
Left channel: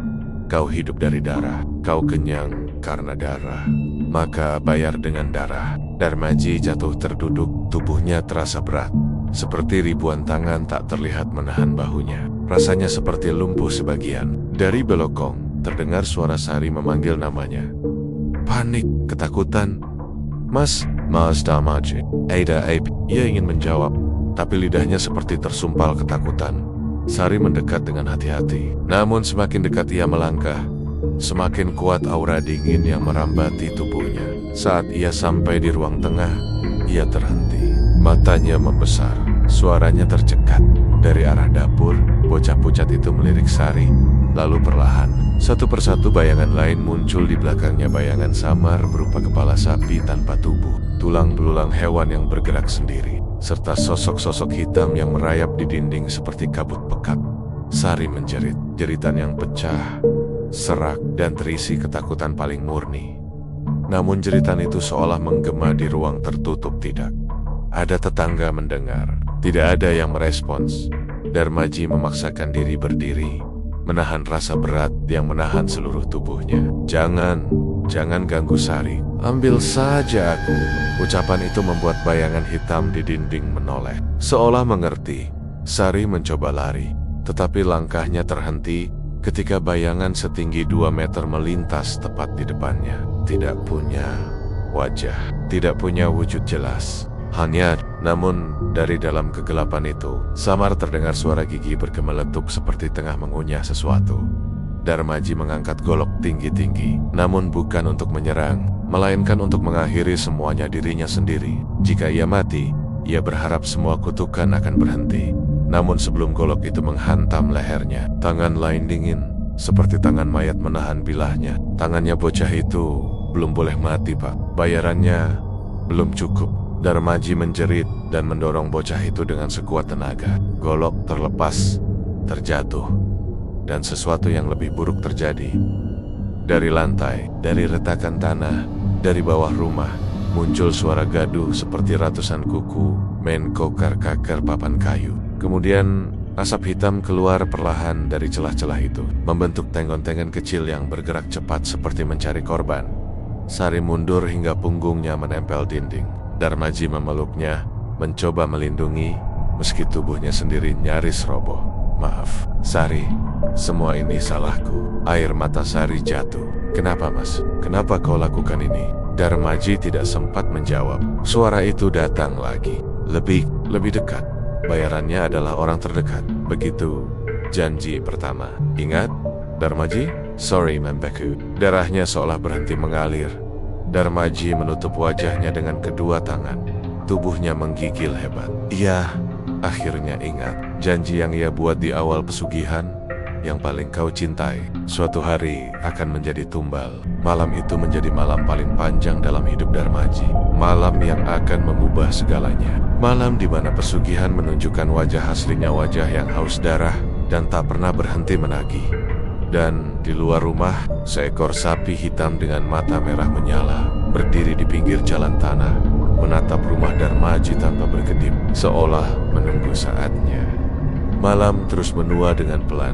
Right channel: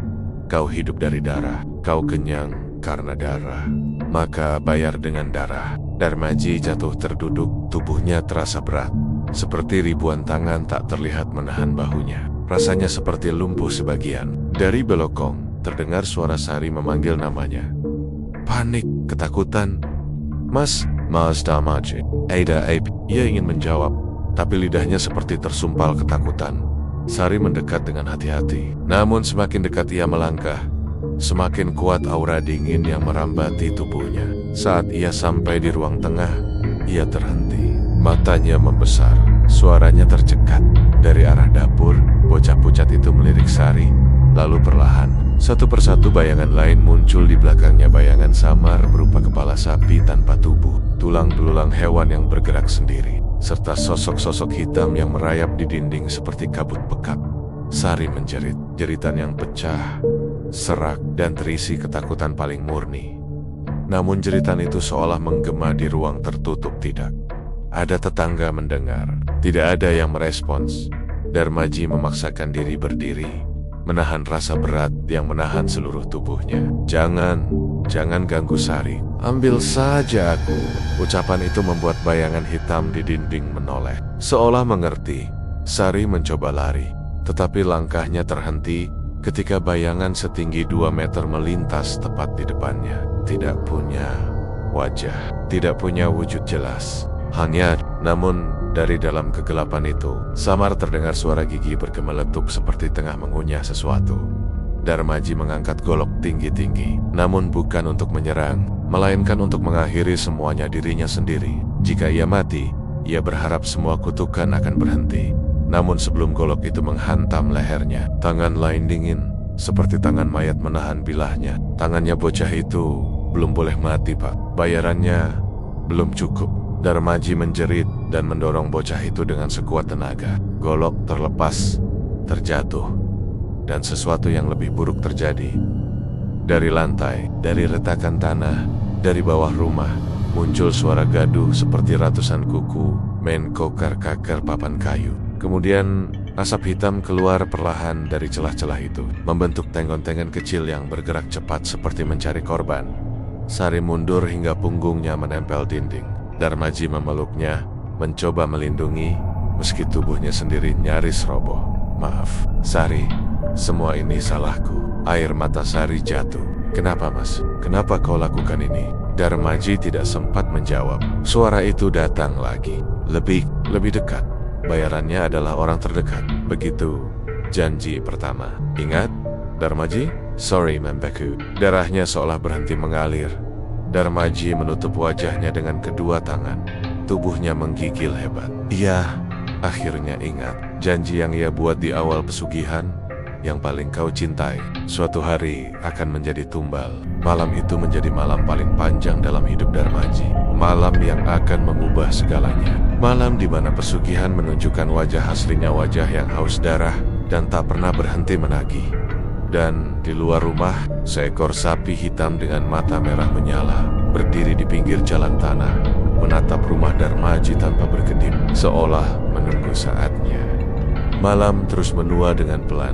Kau hidup dari darah, kau kenyang karena darah, maka bayar dengan darah. Darmaji jatuh terduduk, tubuhnya terasa berat, seperti ribuan tangan tak terlihat menahan bahunya. Rasanya seperti lumpuh sebagian. Dari belokong, terdengar suara Sari memanggil namanya. Panik, ketakutan. Mas Darmaji. Ada Ape. Ia ingin menjawab, tapi lidahnya seperti tersumpal ketakutan. Sari mendekat dengan hati-hati. Namun semakin dekat ia melangkah, semakin kuat aura dingin yang merambati tubuhnya. Saat ia sampai di ruang tengah, ia terhenti. Matanya membesar, suaranya tercekat. Dari arah dapur, bocah pucat itu melirik Sari. Lalu perlahan, satu persatu bayangan lain muncul di belakangnya. Bayangan samar berupa kepala sapi tanpa tubuh, tulang belulang hewan yang bergerak sendiri, serta sosok-sosok hitam yang merayap di dinding seperti kabut pekat. Sari menjerit, jeritan yang pecah, serak, dan terisi ketakutan paling murni. Namun jeritan itu seolah menggema di ruang tertutup. Tidak ada tetangga mendengar, tidak ada yang merespons. Darmaji memaksakan diri berdiri, menahan rasa berat yang menahan seluruh tubuhnya. Jangan ganggu Sari. Ambil saja aku. Ucapan itu membuat bayangan hitam di dinding menoleh. Seolah mengerti, Sari mencoba lari, tetapi langkahnya terhenti ketika bayangan setinggi 2 meter melintas tepat di depannya. Tidak punya wajah, tidak punya wujud jelas, hanya Namun, dari dalam kegelapan itu, samar terdengar suara gigi bergemeletuk seperti tengah mengunyah sesuatu. Darmaji mengangkat golok tinggi-tinggi, namun bukan untuk menyerang, melainkan untuk mengakhiri semuanya dirinya sendiri. Jika ia mati, ia berharap semua kutukan akan berhenti. Namun sebelum golok itu menghantam lehernya, tangan lain dingin, seperti tangan mayat menahan bilahnya. Tangannya bocah itu belum boleh mati, Pak. Bayarannya belum cukup. Darmaji menjerit dan mendorong bocah itu dengan sekuat tenaga. Golok terlepas, terjatuh, dan sesuatu yang lebih buruk terjadi. Dari lantai, dari retakan tanah, dari bawah rumah, muncul suara gaduh seperti ratusan kuku main kokar-kakar papan kayu. Kemudian asap hitam keluar perlahan dari celah-celah itu, membentuk tenggon-tenggon kecil yang bergerak cepat seperti mencari korban. Sari mundur hingga punggungnya menempel dinding. Darmaji memeluknya, mencoba melindungi, meski tubuhnya sendiri nyaris roboh. Maaf, Sari, semua ini salahku. Air mata Sari jatuh. Kenapa, Mas? Kenapa kau lakukan ini? Darmaji tidak sempat menjawab. Suara itu datang lagi. Lebih dekat. Bayarannya adalah orang terdekat. Begitu janji pertama. Ingat, Darmaji? Sorry, Membeku. Darahnya seolah berhenti mengalir. Darmaji menutup wajahnya dengan kedua tangan. Tubuhnya menggigil hebat. Ia akhirnya ingat janji yang ia buat di awal pesugihan. Yang paling kau cintai suatu hari akan menjadi tumbal. Malam itu menjadi malam paling panjang dalam hidup Darmaji. Malam yang akan mengubah segalanya. Malam di mana pesugihan menunjukkan wajah aslinya, wajah yang haus darah dan tak pernah berhenti menagih. Dan di luar rumah, seekor sapi hitam dengan mata merah menyala berdiri di pinggir jalan tanah, menatap rumah Darmaji tanpa berkedip, seolah menunggu saatnya. Malam terus menua dengan pelan.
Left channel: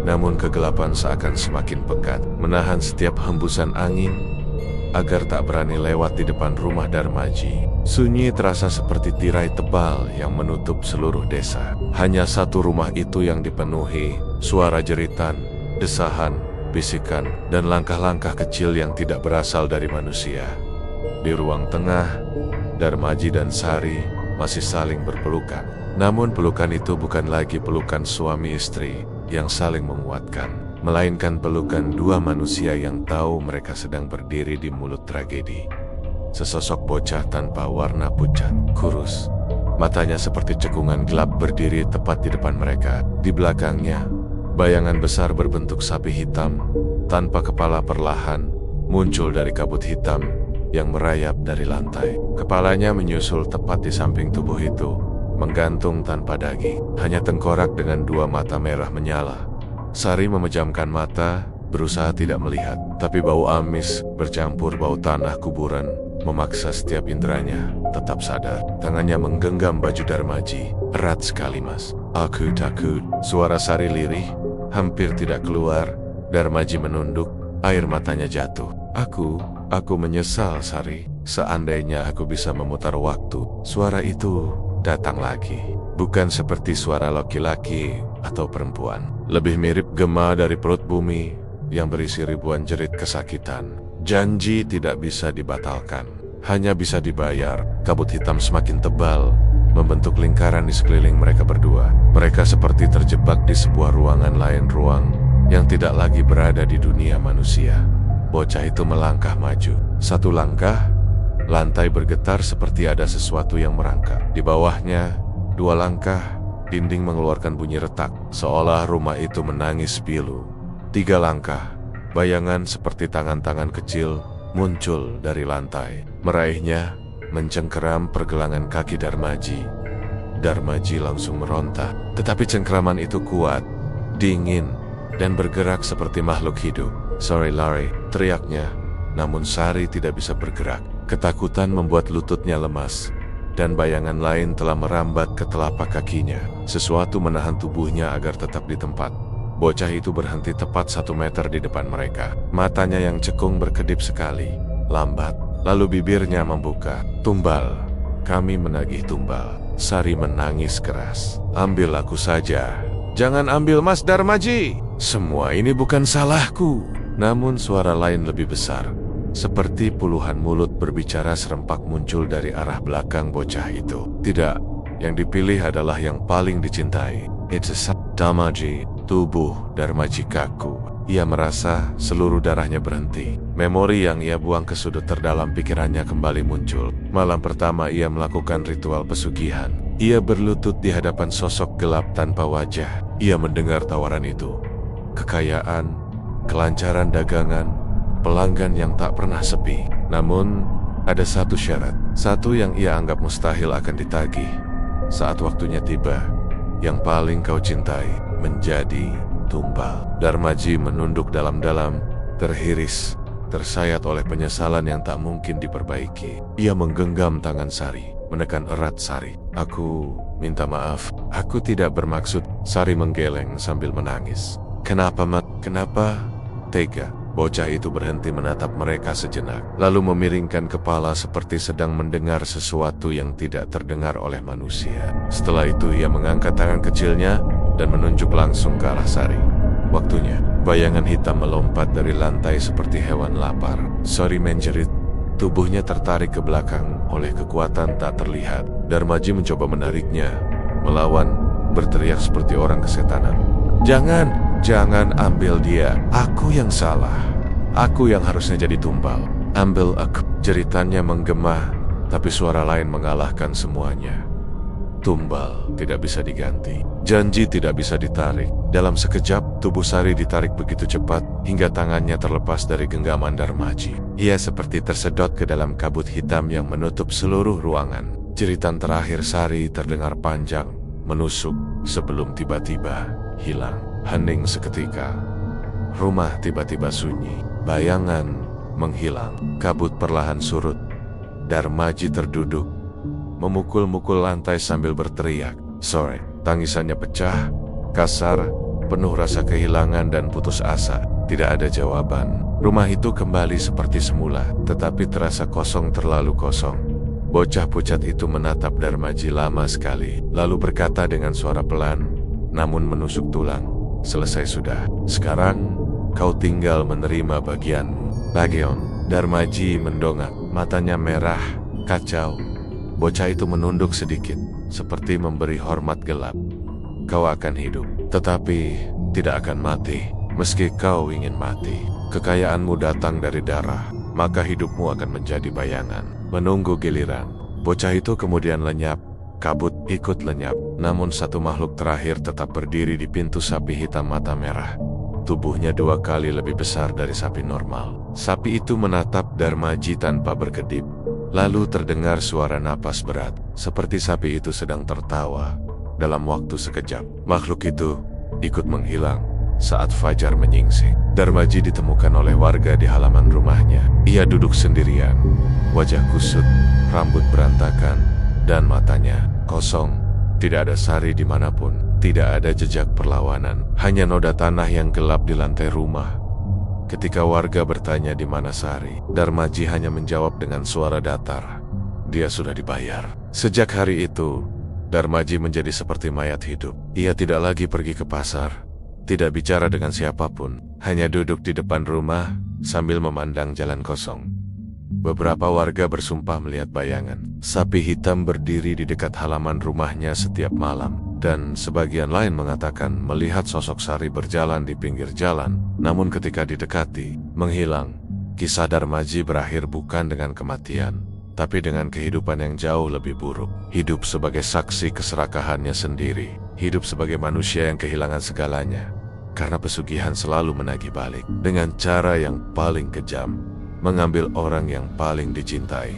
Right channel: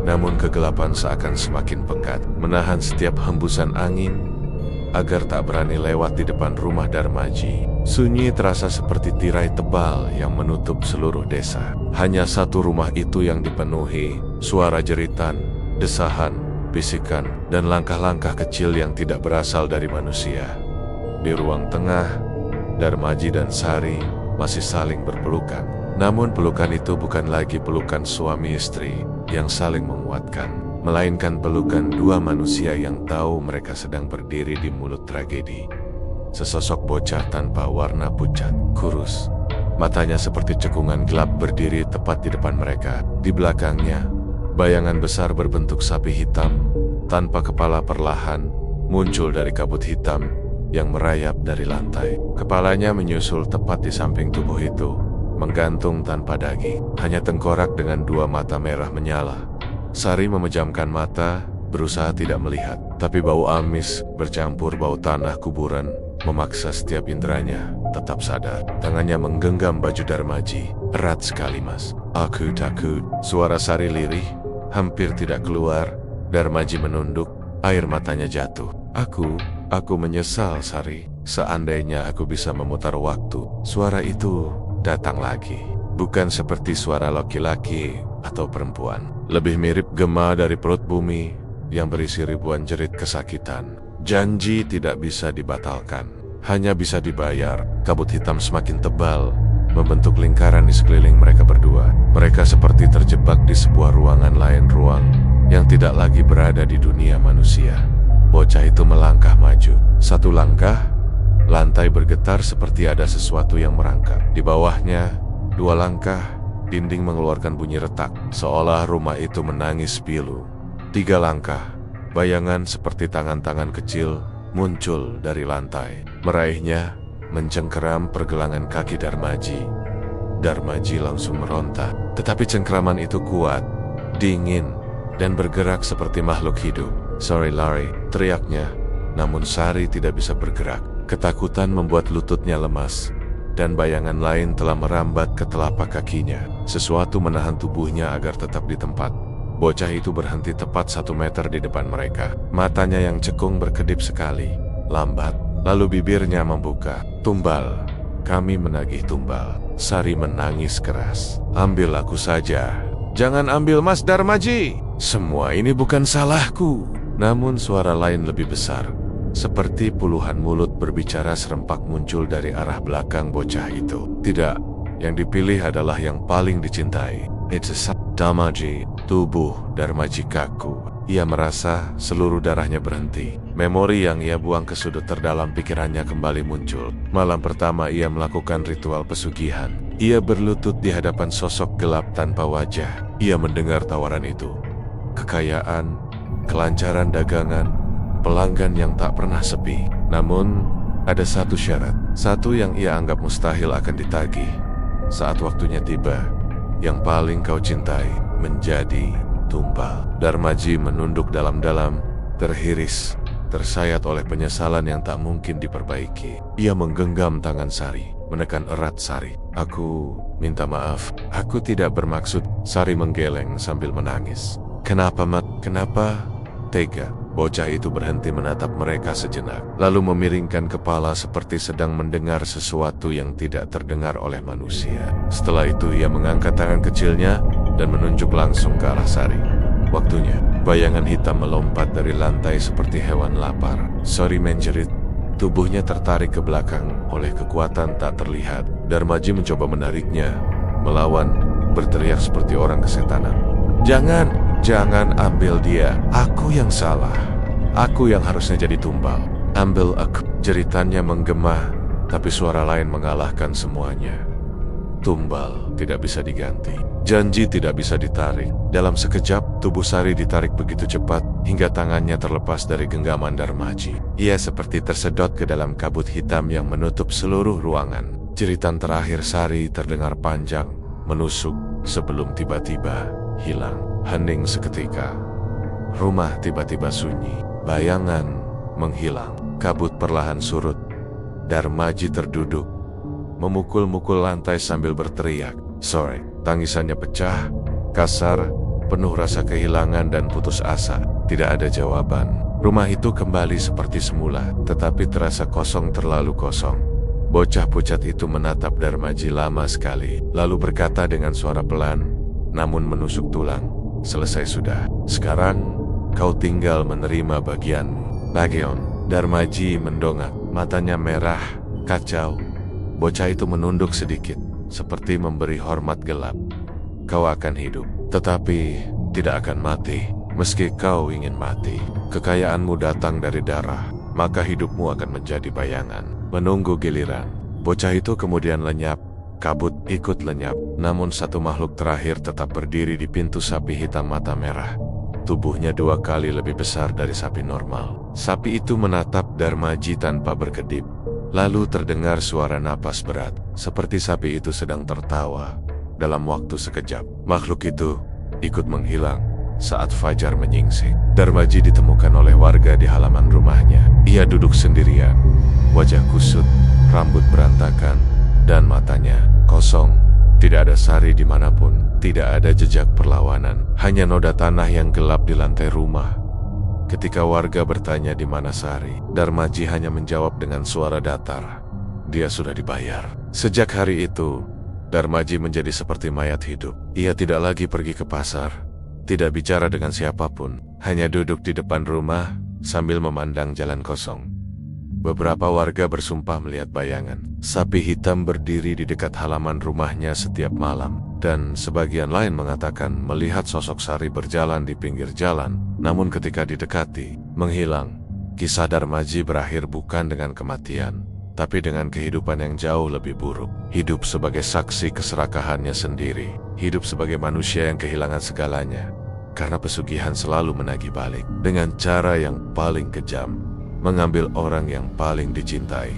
Namun kegelapan seakan semakin pekat, menahan setiap hembusan angin agar tak berani lewat di depan rumah Darmaji. Sunyi terasa seperti tirai tebal yang menutup seluruh desa. Hanya satu rumah itu yang dipenuhi suara jeritan, desahan, bisikan, dan langkah-langkah kecil yang tidak berasal dari manusia. Di ruang tengah, Darmaji dan Sari masih saling berpelukan. Namun pelukan itu bukan lagi pelukan suami istri yang saling menguatkan, melainkan pelukan dua manusia yang tahu mereka sedang berdiri di mulut tragedi. Sesosok bocah tanpa warna pucat, kurus, matanya seperti cekungan gelap berdiri tepat di depan mereka. Di belakangnya, bayangan besar berbentuk sapi hitam tanpa kepala perlahan muncul dari kabut hitam yang merayap dari lantai. Kepalanya menyusul tepat di samping tubuh itu, menggantung tanpa daging. Hanya tengkorak dengan dua mata merah menyala. Sari memejamkan mata, berusaha tidak melihat. Tapi bau amis bercampur bau tanah kuburan memaksa setiap inderanya tetap sadar. Tangannya menggenggam baju Darmaji. Erat sekali, Mas. Aku takut. Suara Sari lirih, hampir tidak keluar. Darmaji menunduk, air matanya jatuh. Aku menyesal, Sari. Seandainya aku bisa memutar waktu. Suara itu datang lagi. Bukan seperti suara laki-laki atau perempuan. Lebih mirip gema dari perut bumi yang berisi ribuan jerit kesakitan. Janji tidak bisa dibatalkan, hanya bisa dibayar. Kabut hitam semakin tebal, membentuk lingkaran di sekeliling mereka berdua. Mereka seperti terjebak di sebuah ruangan lain, ruang yang tidak lagi berada di dunia manusia. Bocah itu melangkah maju. Satu langkah, lantai bergetar seperti ada sesuatu yang merangkak. Di bawahnya, dua langkah, dinding mengeluarkan bunyi retak, seolah rumah itu menangis pilu. Tiga langkah, bayangan seperti tangan-tangan kecil muncul dari lantai. Meraihnya, mencengkeram pergelangan kaki Darmaji. Darmaji langsung meronta. Tetapi cengkeraman itu kuat, dingin, dan bergerak seperti makhluk hidup. Sorry, Larry, teriaknya. Namun Sari tidak bisa bergerak. Ketakutan membuat lututnya lemas, dan bayangan lain telah merambat ke telapak kakinya. Sesuatu menahan tubuhnya agar tetap di tempat. Bocah itu berhenti tepat 1 meter di depan mereka. Matanya yang cekung berkedip sekali, lambat, lalu bibirnya membuka. Tumbal, kami menagih tumbal. Sari menangis keras. Ambil aku saja. Jangan ambil Mas Darmaji. Semua ini bukan salahku. Namun suara lain lebih besar, Seperti puluhan mulut berbicara serempak muncul dari arah belakang bocah itu. Tidak, yang dipilih adalah yang paling dicintai. It's a Darmaji, tubuh Darmaji kaku. Ia merasa seluruh darahnya berhenti. Memori yang ia buang ke sudut terdalam pikirannya kembali muncul. Malam pertama ia melakukan ritual pesugihan. Ia berlutut di hadapan sosok gelap tanpa wajah. Ia mendengar tawaran itu. Kekayaan, kelancaran dagangan, pelanggan yang tak pernah sepi. Namun, ada satu syarat. Satu yang ia anggap mustahil akan ditagih. Saat waktunya tiba, yang paling kau cintai menjadi tumbal. Darmaji menunduk dalam-dalam, terhiris, tersayat oleh penyesalan yang tak mungkin diperbaiki. Ia menggenggam tangan Sari, menekan erat Sari. Aku minta maaf, aku tidak bermaksud. Sari menggeleng sambil menangis. Kenapa, Mat? Kenapa? Tega. Bocah itu berhenti menatap mereka sejenak, lalu memiringkan kepala seperti sedang mendengar sesuatu yang tidak terdengar oleh manusia. Setelah itu ia mengangkat tangan kecilnya dan menunjuk langsung ke arah Sari. Waktunya. Bayangan hitam melompat dari lantai seperti hewan lapar. Sari menjerit. Tubuhnya tertarik ke belakang oleh kekuatan tak terlihat. Darmaji mencoba menariknya, melawan, berteriak seperti orang kesetanan. Jangan ambil dia. Aku yang salah. Aku yang harusnya jadi tumbal. Ambil aku. Jeritannya menggema, tapi suara lain mengalahkan semuanya. Tumbal tidak bisa diganti. Janji tidak bisa ditarik. Dalam sekejap, tubuh Sari ditarik begitu cepat, hingga tangannya terlepas dari genggaman Darmaji. Ia seperti tersedot ke dalam kabut hitam yang menutup seluruh ruangan. Jeritan terakhir Sari terdengar panjang, menusuk, sebelum tiba-tiba hilang. Hening seketika. Rumah tiba-tiba sunyi. Bayangan menghilang. Kabut perlahan surut. Darmaji terduduk, memukul-mukul lantai sambil berteriak. Sorry. Tangisannya pecah, kasar, penuh rasa kehilangan dan putus asa. Tidak ada jawaban. Rumah itu kembali seperti semula, tetapi terasa kosong, terlalu kosong. Bocah pucat itu menatap Darmaji lama sekali, lalu berkata dengan suara pelan, namun menusuk tulang. Selesai sudah. Sekarang, kau tinggal menerima bagianmu. Bagian. Darmaji mendongak, matanya merah, kacau. Bocah itu menunduk sedikit, seperti memberi hormat gelap. Kau akan hidup, tetapi tidak akan mati. Meski kau ingin mati, kekayaanmu datang dari darah, maka hidupmu akan menjadi bayangan, menunggu giliran. Bocah itu kemudian lenyap. Kabut ikut lenyap, namun satu makhluk terakhir tetap berdiri di pintu sapi hitam mata merah. Tubuhnya 2 kali lebih besar dari sapi normal. Sapi itu menatap Darmaji tanpa berkedip. Lalu terdengar suara napas berat, seperti sapi itu sedang tertawa. Dalam waktu sekejap, makhluk itu ikut menghilang saat fajar menyingsing. Darmaji ditemukan oleh warga di halaman rumahnya. Ia duduk sendirian, wajah kusut, rambut berantakan, dan matanya kosong. Tidak ada Sari dimanapun, tidak ada jejak perlawanan, hanya noda tanah yang gelap di lantai rumah. Ketika warga bertanya di mana Sari, Darmaji hanya menjawab dengan suara datar. Dia sudah dibayar. Sejak hari itu, Darmaji menjadi seperti mayat hidup. Ia tidak lagi pergi ke pasar, tidak bicara dengan siapapun, hanya duduk di depan rumah sambil memandang jalan kosong. Beberapa warga bersumpah melihat bayangan sapi hitam berdiri di dekat halaman rumahnya setiap malam, dan sebagian lain mengatakan melihat sosok Sari berjalan di pinggir jalan, namun ketika didekati, menghilang. Kisah Darmaji berakhir bukan dengan kematian, tapi dengan kehidupan yang jauh lebih buruk. Hidup sebagai saksi keserakahannya sendiri, hidup sebagai manusia yang kehilangan segalanya, karena pesugihan selalu menagih balik dengan cara yang paling kejam. Mengambil orang yang paling dicintai.